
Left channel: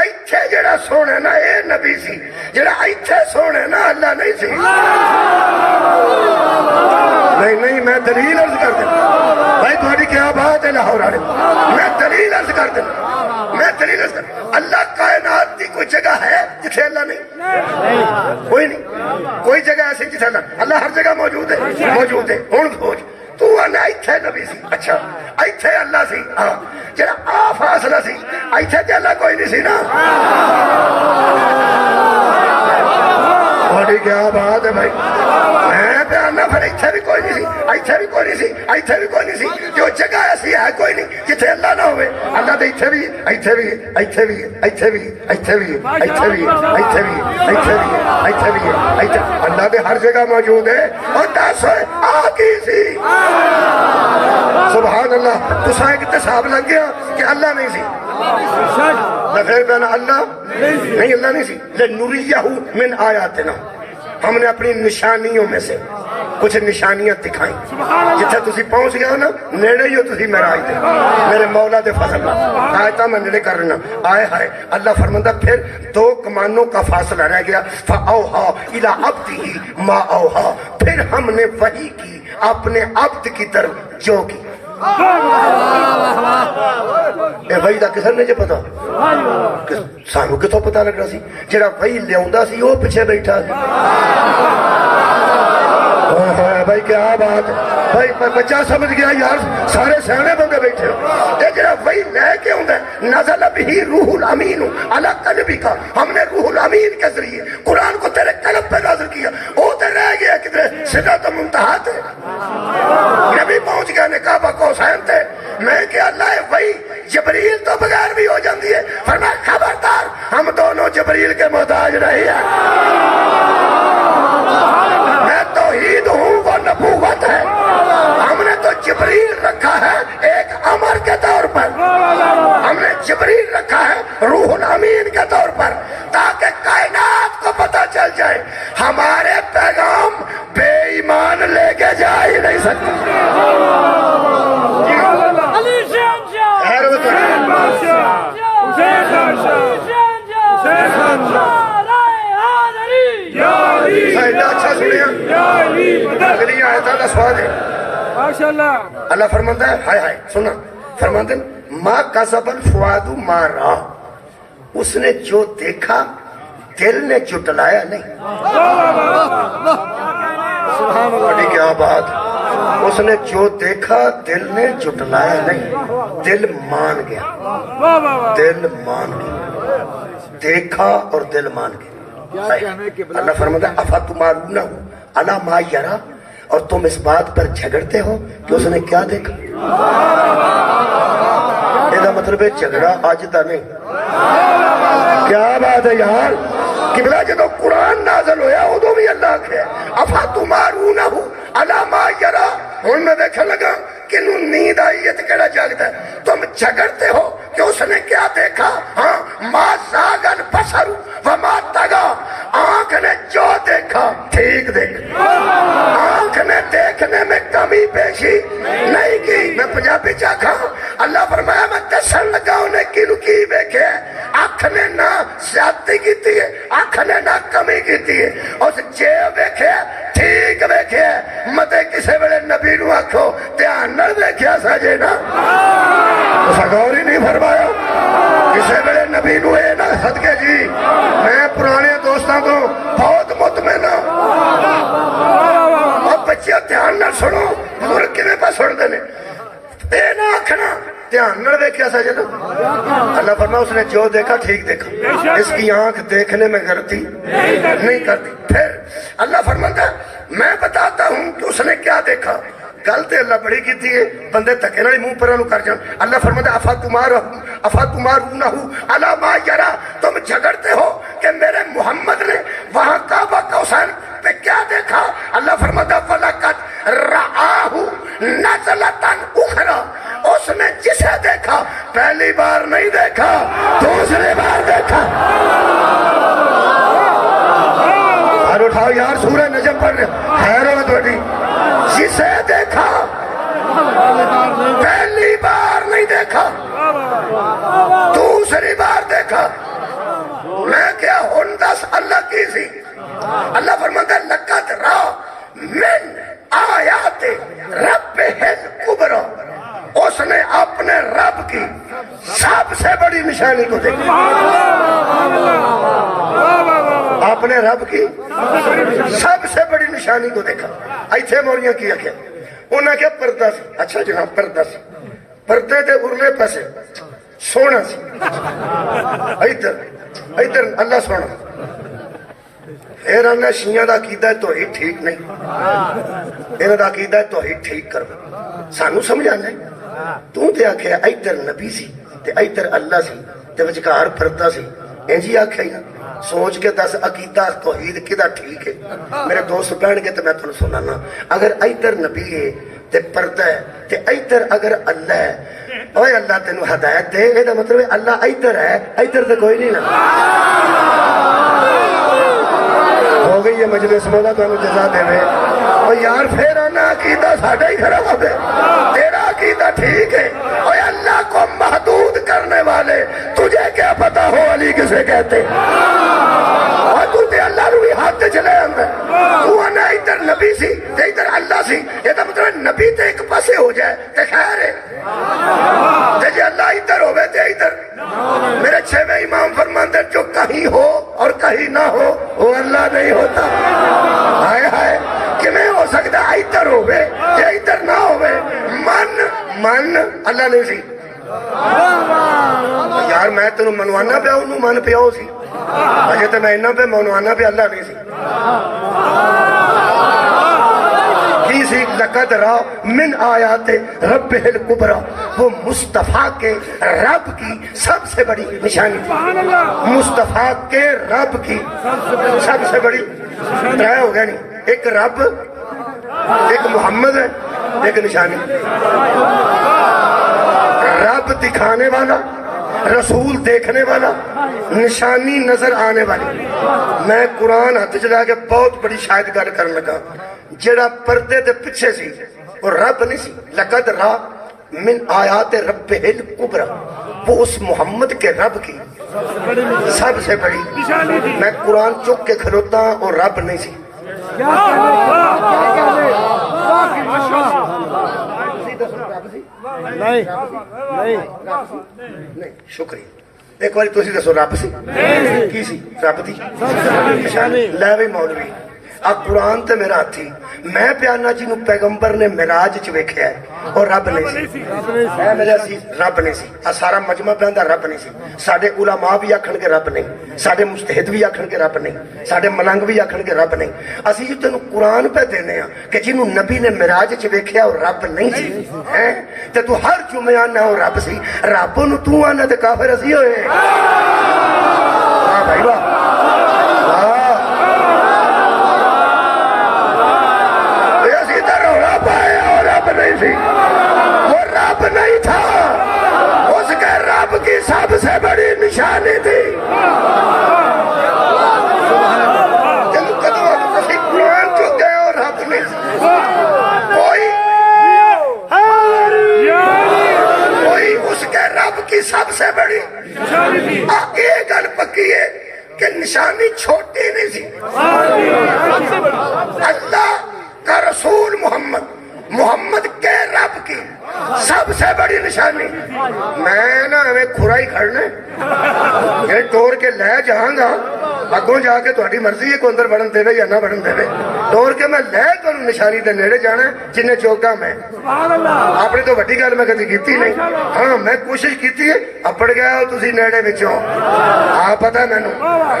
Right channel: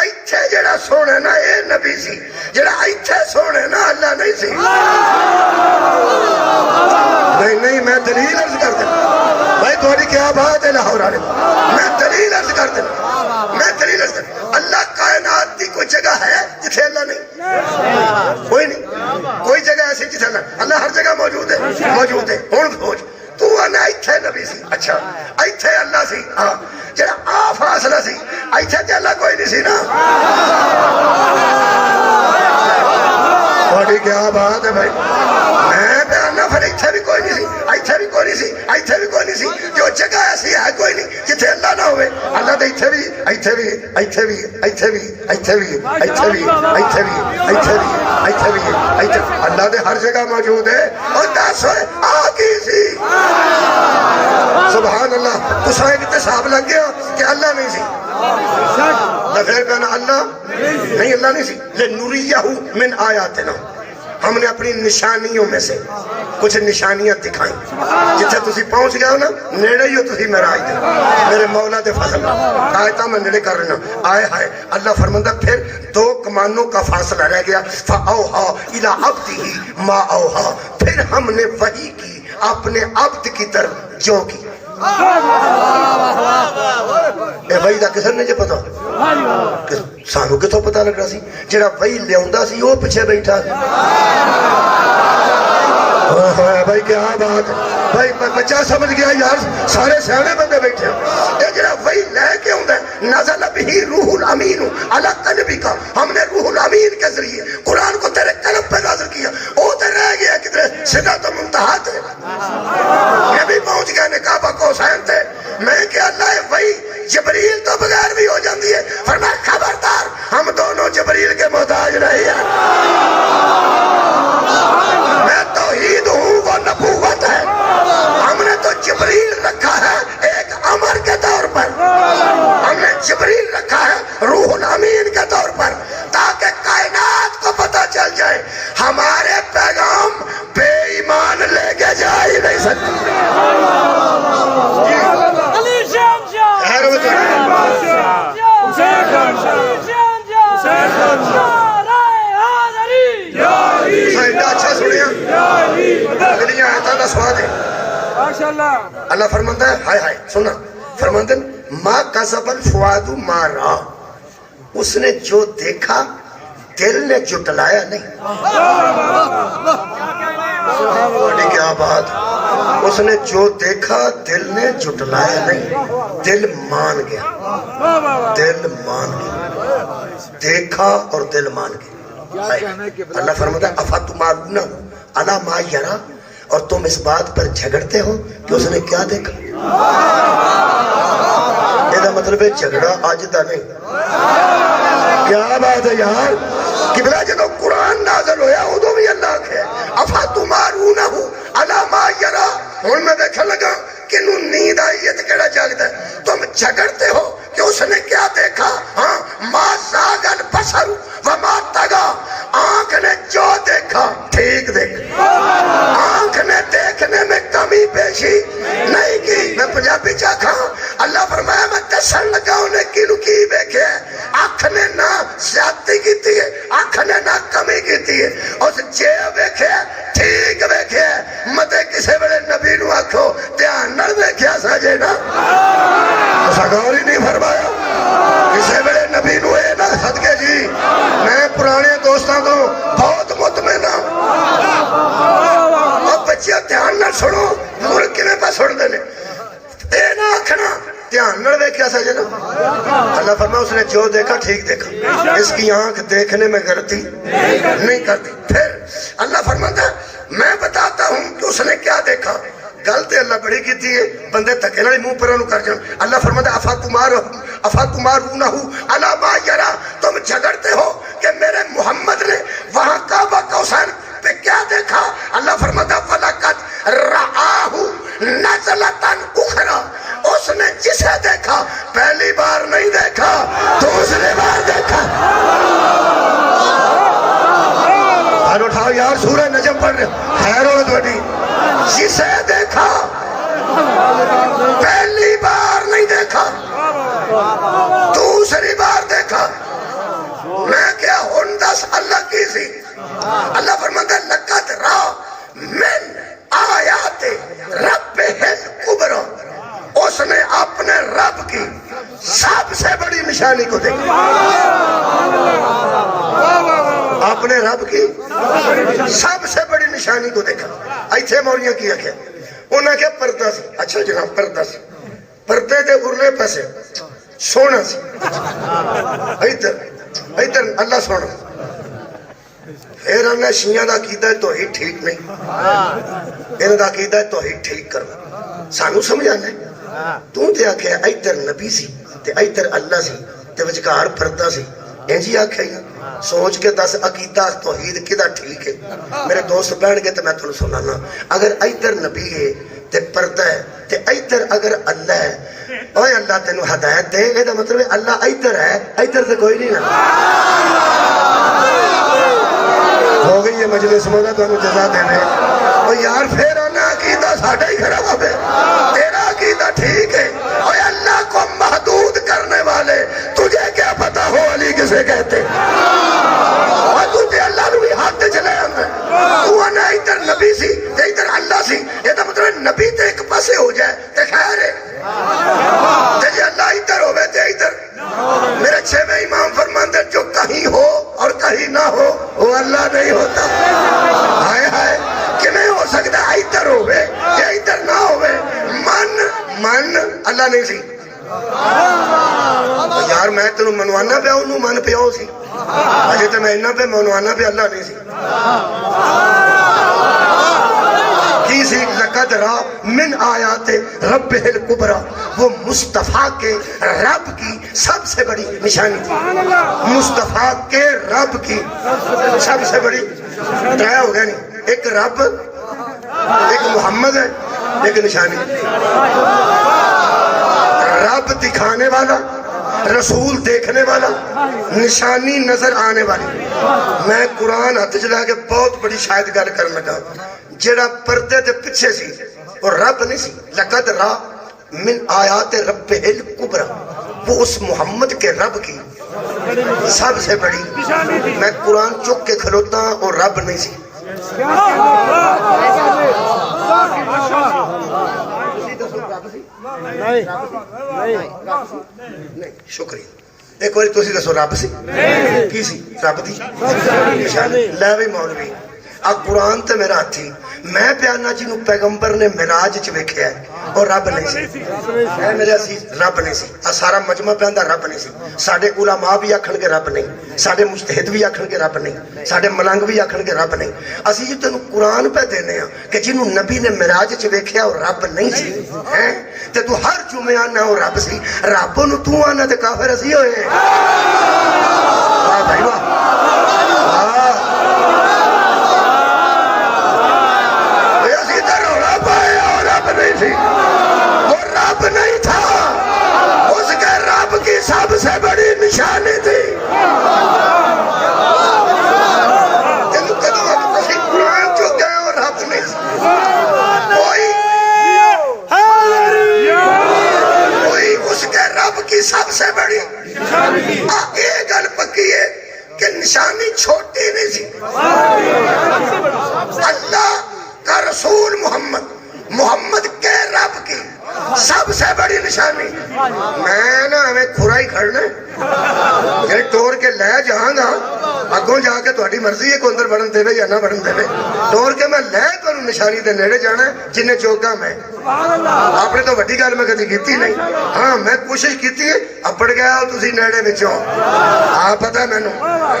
ایتھے جڑا سونے نا اے نبی سی جڑا ایتھے سونے نا اللہ نہیں سی نہیں میں دلیل عرض کر دینا بھائی تمہاری کیا بات ہے لاہور آنے میں دلیل عرض کر دینا میں دلیل عرض کر اللہ کائنات دی کوئی جگہ ہے جتھے اللہ نہیں کوئی نہیں کوئی جگہ ایسی جتھے اللہ ہر جگہ موجود ہے ہون کھوج تو آنے ایتھے نبی سی اچھا ایتھے اللہ سی ہاں جڑا آ فاصلہ سی ایتھے تے اللہ کوئی نہیں سی نا تمہاری کیا بات ہے بھائی میں بیانہ پھر ایتھے بھی کوئی نہیں سی ایتھے بھی کوئی نہیں سی ایتھے بھی کوئی نہیں سی جو جگہ ایسی ہے کوئی نہیں جتھے اللہ نہ ہوئے اللہ تو ایتھے بھی ایتھے بھی ایتھے بھی ایتھے بھی ایتھے بھی ایتھے بھی ایتھے بھی ایتھے بھی ایتھے بھی ایتھے اللہ دے ہر جگہ موجود ہے اور 10 ہوئے آگی سی سبحان اللہ تو سائیں کتے صاحب لگ گیا کہ اللہ نہیں سی میں پھر کہنا اللہ نہیں اللہ نہیں سی لِنُرِيَّهُ مِنْ آیاتنا ہم نے اپنی نشانیوں میں سے کچھ نشانیاں دکھائیں جتھے تسی پہنچ گیا ہو نا نیڑے ہی ہو تسی معراج دے میرے مولا دے فضل آیتاں میں نیڑے کر رہنا آئے ہائے اللہ فرماندہ پھر 2 کمانوں کا فاصلہ رہ گیا فَأَوْحَا إِلَىٰ عَبْدِهِ مَا أَوْحَا پھر ہم نے وحی کی اپنے عبد کی طرف جو کی اے وحی دا کسر نہیں جے پتا سانو کتوں پتا لگ رہا سی جڑا وحی لے آندا سی وہ پیچھے بیٹھا بھائی کیا بات بھائی بچہ سمجھ گیا یار سارے سیانے بندے بیٹھے ہو یہ جڑا وہی لے کے آندا ہے نزل بہ روح الامین علی قلبک ہم نے روح الامین کے ذریعے قرآن کو تیرے قلب پہ نازل کیا وہ تو رہ گیا کدھر سدرۃ المنتہا تے نبی پہنچ گیا نے کعبہ کوثین تے میں کہ اللہ وہی جبریل تو بغیر بھی ہو جاندی ہے فرمایا خبردار ہم دونوں جبریل کے محتاج نہیں ہیں میں توحید ہوں وہ نبوت ہے ہم نے تو جبریل رکھا ہے ایک امر کے طور پر ہم نے جبریل رکھا ہے روح الامین کے طور پر تاکہ کائنات کو پتہ چل جائے ہمارے پیغام بے ایمان لے کے جا ہی نہیں سکتے علی شان شاہ اچھا سنیا اگلی آیتاں دا سواد ہے اللہ فرماتا ہے ہائے ہائے سننا فرماتے ہیں ما کذب الفؤاد ما رأى اس نے جو دیکھا دل نے جھٹلایا نہیں بڑی کیا بات اس نے جو دیکھا دل نے جھٹلایا نہیں دل مان گیا دیکھا اور دل مان گیا اللہ فرماتا ہے افتمارون علی ما یرا اور تم اس بات پر جھگڑتے ہو کہ اس نے کیا دیکھا یہ مطلب ہے جھگڑا آج دا نہیں کیا بات ہے یار قبلہ جدو قرآن نازل ہویا ادو بھی اللہ کے افتمارون علی ما یرا ہوں میں دیکھا لگا کہ انہوں نیند آئی ہے تو کہڑا جاگتا ہے تم جھگڑتے ہو کہ اس نے کیا دیکھا ہاں ما زاغل بصر وما طغى آنکھ نے جو دیکھا ٹھیک دیکھا آنکھ نے دیکھنے میں کمی پیشی نہیں کی میں پنجابی چاکھا اللہ فرمایا میں دسن لگا انہیں کینو کی ویکھے اکھ نے نہ زیادتی کیتی ہے اکھ نے نہ کمی کیتی ہے اس جے ویکھے ٹھیک ویکھے متے کسے ویلے نبی نو آکھو دھیان نال ویکھیا ساجے نا سگوری نہیں فرمایا کسے ویلے نبی نو اے نہ صدقے جی میں پرانے دوستاں کو بہت مطمئن ہوں اور بچے دھیان نال سنو بزرگ کنے پہ سن دینے اے نہ آکھنا دھیان نال ویکھیا ساجے نا اللہ فرمایا اس نے جو دیکھا ٹھیک دیکھا اس کی آنکھ دیکھنے میں غلطی نہیں کرتی پھر اللہ فرماتا ہے میں بتاتا ہوں کہ اس نے کیا دیکھا گلتے اللہ بڑی کی تھی بندے تکے نہ منہ پر انہوں کر جان اللہ فرماتا ہے افا تمارونہو علی ما یرا تم جھگڑتے ہو کہ میرے محمد نے وہاں کعبہ کوثر پہ کیا دیکھا اللہ فرماتا ہے وَلَقَدْ رَآهُ نَزْلَةً أُخْرَى اس نے جسے دیکھا پہلی بار نہیں دیکھا دوسری بار دیکھا ہر اٹھاؤ یار سورہ نجم پڑھ رہے خیر ہوگا توڑی جسے دیکھا پہلی بار نہیں دیکھا دوسری بار دیکھا میں کیا ہندس اللہ کی سی اللہ فرماتا ہے لقد را من آیات ربہ الکبریٰ اس نے اپنے رب کی سب سے بڑی نشانی کو دیکھا اپنے رب کی سب سے بڑی نشانی کو دیکھا ایتھے موریاں کیا کیا انہاں کے پردہ سے اچھا جناب پردہ سے پردے دے ارلے پیسے سونا سے ایدر اللہ سونا پھر ہم نے شیعہ دا عقیدہ توحید ٹھیک نہیں انہاں دا عقیدہ توحید ٹھیک کرو سانو سمجھانا ہے تو تے آکھے ایدر نبی سی تے ایدر اللہ سی تے وچکار پردہ سی انجی آکھے ہی نا سوچ کے دس عقیدہ توحید کدا ٹھیک ہے میرے دوست بہن کے تے میں تھوڑا سنانا اگر ایدر نبی ہے تے پردہ ہے تے ایدر اگر اللہ ہے اوہ اللہ تینو ہدایت دے اے دا مطلب ہے اللہ ایدر ہے ایدر تے کوئی نہیں نا ہو گئی یہ مجلس مولا تو انہوں جزا دے رہے اور یار پھر آنا عقیدہ ساڑھا ہی خراب ہے تیرا عقیدہ ٹھیک ہے اور اللہ کو محدود کرنے والے تجھے کیا پتا ہو علی کسے کہتے اور تو تے اللہ روی ہاتھ تے چلے ہمیں تو آنا ادھر نبی سی تے ادھر اللہ سی یہ تو مطلب نبی تے ایک پاسے ہو جائے تے خیر ہے تے جی اللہ ادھر ہوئے تے ادھر میرے چھویں امام فرماندے جو کہیں ہو اور کہیں نہ ہو وہ اللہ نہیں ہوتا ہائے ہائے کہ میں ہو سکتا ادھر ہوئے یا ادھر نہ ہوئے من اللہ نہیں سی یار میں تینوں منوانا پیا انہوں من پیا ہو سی اجے تو میں انہاں پہ منوانا پہ اللہ نہیں سی کی سی لقد را من آیات رب الکبریٰ وہ مصطفیٰ کے رب کی سب سے بڑی نشانی تھی مصطفیٰ کے رب کی سب سے بڑی ترائے ہو گیا نہیں ایک رب ایک محمد ہے ایک نشانی رب دکھانے والا رسول دیکھنے والا نشانی نظر آنے والی میں قرآن ہاتھ چلا کے بہت بڑی شاید گل کرنے لگا جڑا پردے دے پیچھے سی وہ رب نہیں سی لقد را من آیات رب الکبریٰ وہ اس محمد کے رب کی سب سے بڑی میں قرآن چک کے کھلوتا اور رب نہیں سی نہیں شکریہ ایک باری تسی دسو رب سی کی سی رب دی لے بھائی مولوی آ قرآن تے میرا ہاتھی میں پیانا جنہوں پیغمبر نے معراج چ ویکھیا ہے اور رب نہیں سی اے میرا سی رب نہیں سی آ سارا مجمع پیاندا رب نہیں سی ساڈے علماء بھی آکھن کے رب نہیں ساڈے مجتہد بھی آکھن کے رب نہیں ساڈے ملنگ بھی آکھن کے رب نہیں اسی جو تینوں قرآن پہ دینے ہیں کہ جنہوں نبی نے معراج چ ویکھیا اور رب نہیں سی ہیں تے تو ہر جمعہ آنا اور رب سی رب نو تو آنا تے کافر اسی ہوئے واہ بھائی واہ نہیں سی وہ رب نہیں تھا اس کے رب کی سب سے بڑی نشانی تھی قرآن چک گئے اور رب نہیں کوئی اس کے رب کی سب سے بڑی یہ گل پکی ہے کہ نشانی چھوٹی نہیں سی. اللہ کا رسول محمد کے رب کی سب سے بڑی نشانی. میں نا ہمیں کھرا ہی کھڑنا یہ ٹور کے لے جاؤں گا اگوں جا کے تہاڈی مرضی ہے کو اندر بڑھن دے یا نہ بڑھن دے. ٹور کے میں لے تمہیں نشانی دے نیڑے جانا جن چوکا میں اپنے تو وڈی گل میں کدی کیتی نہیں. ہاں میں کوشش کیتی ہے اپڑ گیا ہو تسی نیڑے وچوں. ہاں پتہ ہے مینوں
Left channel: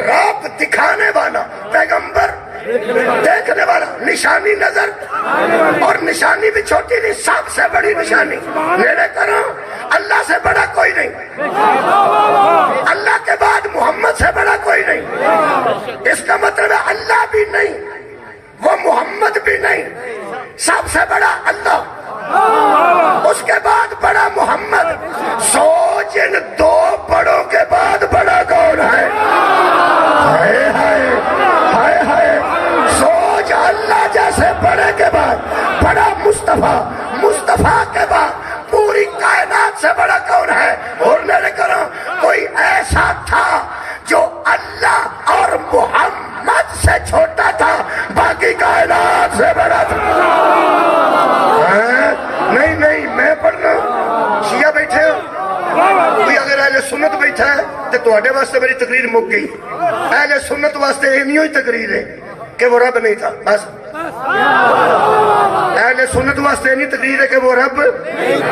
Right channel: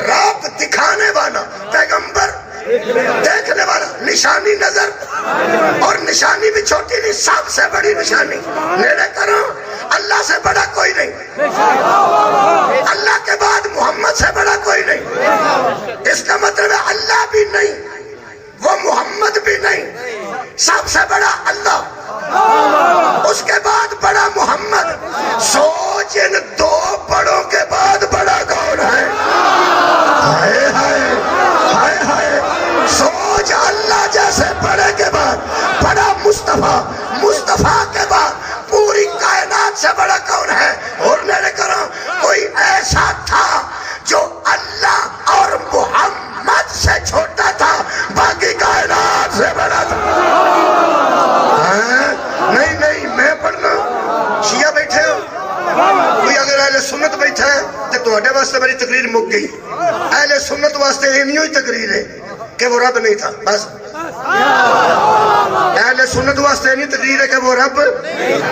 رب دکھانے والا پیغمبر دیکھنے والا نشانی نظر اور نشانی بھی چھوٹی نہیں سب سے بڑی نشانی. نیڑے کرو اللہ سے بڑا کوئی نہیں. اللہ کے بعد محمد سے بڑا کوئی نہیں. اس کا مطلب ہے اللہ بھی نہیں وہ محمد بھی نہیں. سب سے بڑا اللہ اس کے بعد بڑا محمد. سوچ ان دو بڑوں کے بعد بڑا کون ہے؟ ہائے ہائے ہائے ہائے. سوچ اللہ جیسے بڑے کے بعد بڑا مصطفیٰ کے بعد پوری کائنات سے بڑا کون ہے؟ اور میرے کرو کوئی ایسا تھا جو اللہ اور محمد سے چھوٹا تھا باقی کائنات سے بڑا تھا. نہیں میں پڑھنا شیعہ بیٹھے ہو کوئی اگر اہل سنت بیٹھا ہے تو تواڈے واسطے میری تقریر مک گئی. اہل سنت واسطے یہ نہیں ہوئی تقریر ہے کہ وہ رب نہیں تھا. بس اہل سنت واسطے نہیں تقریر ہے کہ وہ رب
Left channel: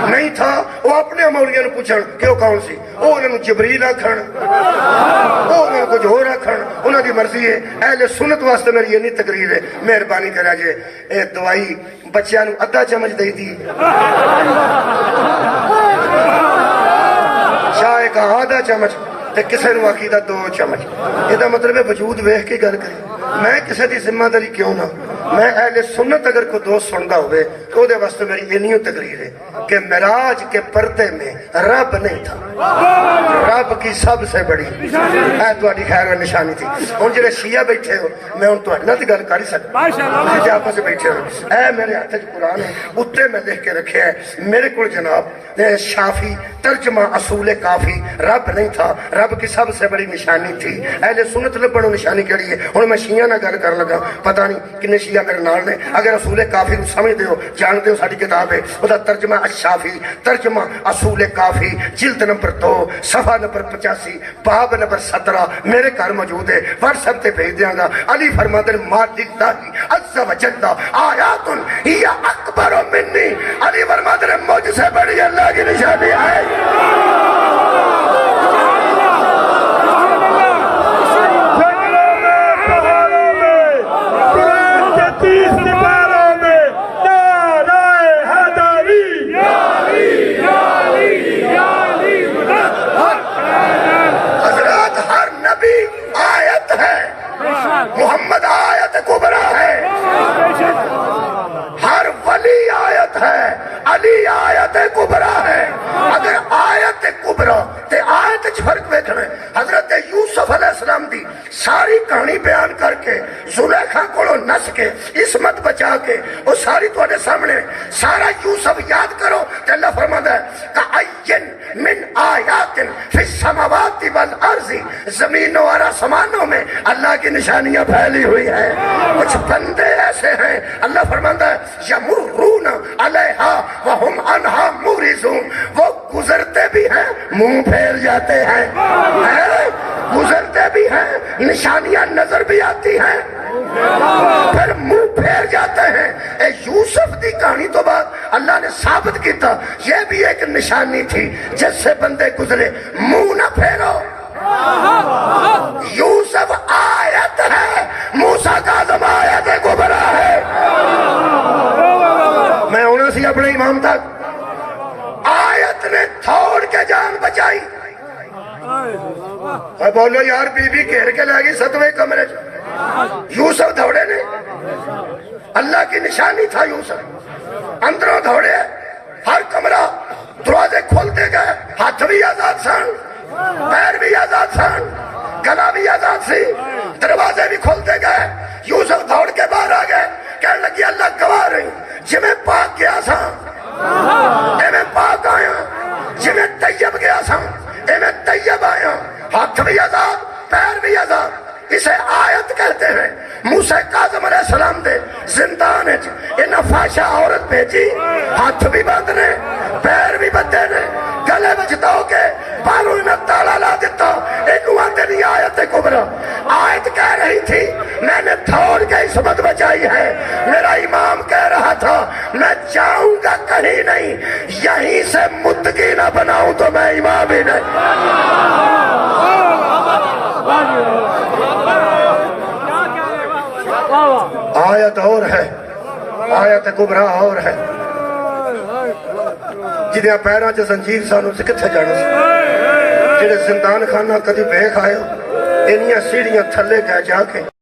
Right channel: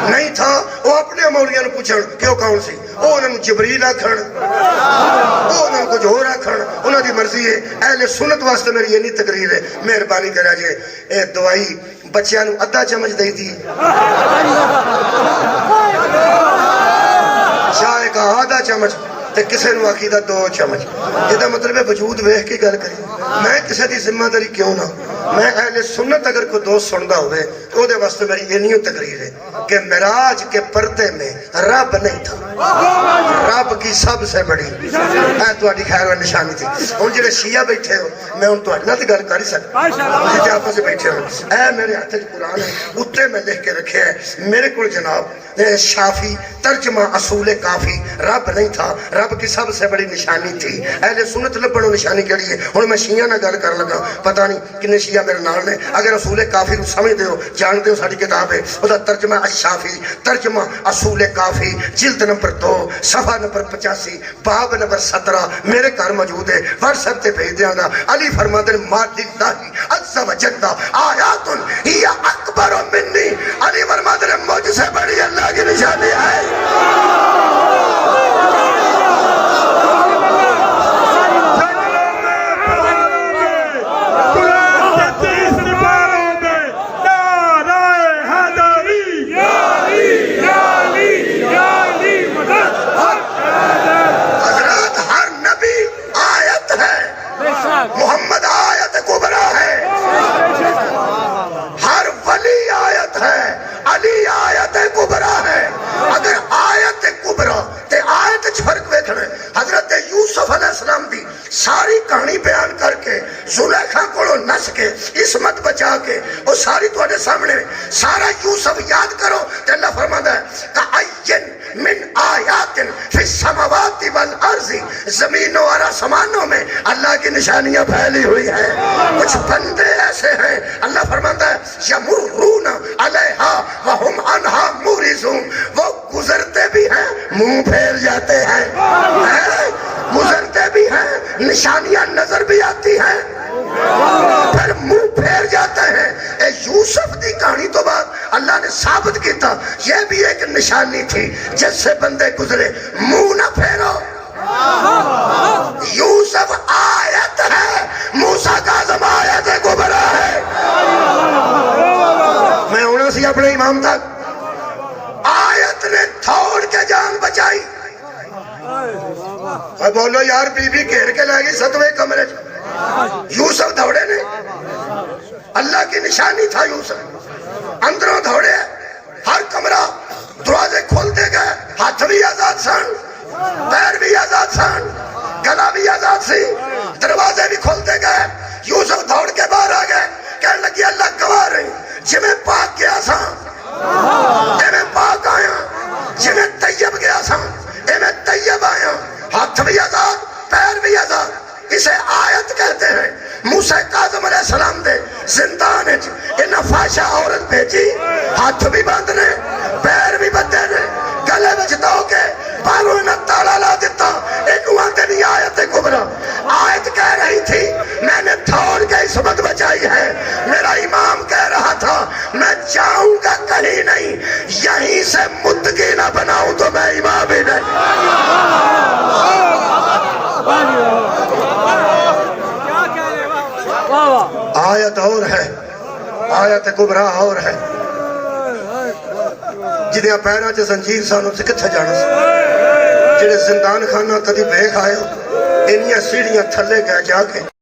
نہیں تھا. وہ اپنے مولیاں پوچھن کہ وہ کون سی. وہ انہوں جبریل آکھن وہ انہوں کچھ ہور آکھن انہوں دی مرضی ہے. اہل سنت واسطے میری یہ نہیں تقریر ہے. مہربانی کرا جے اے دوائی بچیاں نوں ادھا چمچ دئی تھی چائے کا آدھا چمچ تے کسے نوں آکھیدا 2 چمچ. یہ مطلب ہے وجود ویکھ کے گل کری. میں کسی دی ذمہ داری کیوں نہ. میں اہل سنت اگر کوئی دوست سندا ہوئے تو دے واسطے میری یہ نہیں تقریر ہے کہ معراج کے پردے میں رب نہیں تھا. رب کی سب سے بڑی ہے تہاڈی خیر و نشانی تھی. ہن جڑے شیعہ بیٹھے ہو میں ہن تہاڈے نال گل کر ہی سکدا. تسی آپس وچ بیٹھے ہو اے میرے ہاتھ وچ قرآن ہے اوتے میں لکھ کے رکھیا ہے میرے کول جناب شافی ترجمہ اصول کافی. رب نہیں تھا رب کی سب سے بڑی نشانی تھی. اہل سنت لبنوں نشانی کیڑی ہے. ہن میں شیعہ نال گل کر لگا پتہ نہیں کنے شیعہ میرے نال نے. اگر اصول کافی کو سمجھتے ہو جانتے ہو ساری کتاب ہے وہ ترجمہ الشافی ترجمہ اصول کافی جلد نمبر 2 صفحہ نمبر 85 باب نمبر 17 میرے گھر موجود ہے. واٹس ایپ تے بھیج دیاں گا. علی فرماتے ہیں ما للہ عز وجل آیات ہی اکبر منی. علی فرماتے ہیں مجھ سے بڑی اللہ کی نشانی ہے. محمد آیت کبرا ہے ہر ولی آیت ہے علی آیت کبرا ہے. اگر آیت کبرا تے آیت چ فرق ویکھنا حضرت یوسف علیہ السلام دی ساری کہانی بیان کر کے زلیخا کولوں نس کے عصمت بچا کے وہ ساری تواڈے سامنے سارا یوسف یاد کرو تے اللہ فرماندا ہے کأین من آیات فی السماوات والارض. زمینوں اور آسمانوں میں اللہ کی نشانیاں پھیلی ہوئی ہیں. کچھ بندے ایسے ہیں اللہ فرماتا ہے یمرون علیہا وہم عنہا معرضون. وہ گزرتے بھی ہیں منہ پھیر جاتے ہیں. گزرتے بھی ہیں نشانیاں نظر بھی آتی ہیں پھر منہ پھیر جاتے ہیں. اے یوسف دی کہانی تو بعد اللہ نے ثابت کیتا یہ بھی ایک نشانی تھی جس سے بندے گزرے منہ نہ پھیرو. یوسف آیت ہے موسیٰ کاظم آیت کبرا ہے. میں ہونا سی اپنے امام تک آیت نے تھوڑ کے جان بچائی. بولو یار بی بی گھیر کے لے گئی 7ویں کمرے. یوسف دوڑے نے اللہ کی نشانی تھا. یوسف اندروں دوڑے ہر کمرہ دروازے کھولتے گئے. ہاتھ بھی آزاد سن پیر بھی آزاد سن گلا بھی آزاد سی دروازے بھی کھولتے گئے. یوسف دوڑ کے باہر آ گئے کہنے لگی اللہ گواہ رہی جی میں پاک گیا سا میں پاک آیا جی میں طیب گیا سا اسے متقی نہ بناؤں تو میں امام ہی نہیں. آیت اور ہے, آیت کبرا اور ہے. جدیاں پیراں چ زنجیر سانو تے کتھے جانا سی, جڑے زندان خانہ کدی ویکھ آئے ہو, انیاں سیڑھیاں تھلے گئے جا کے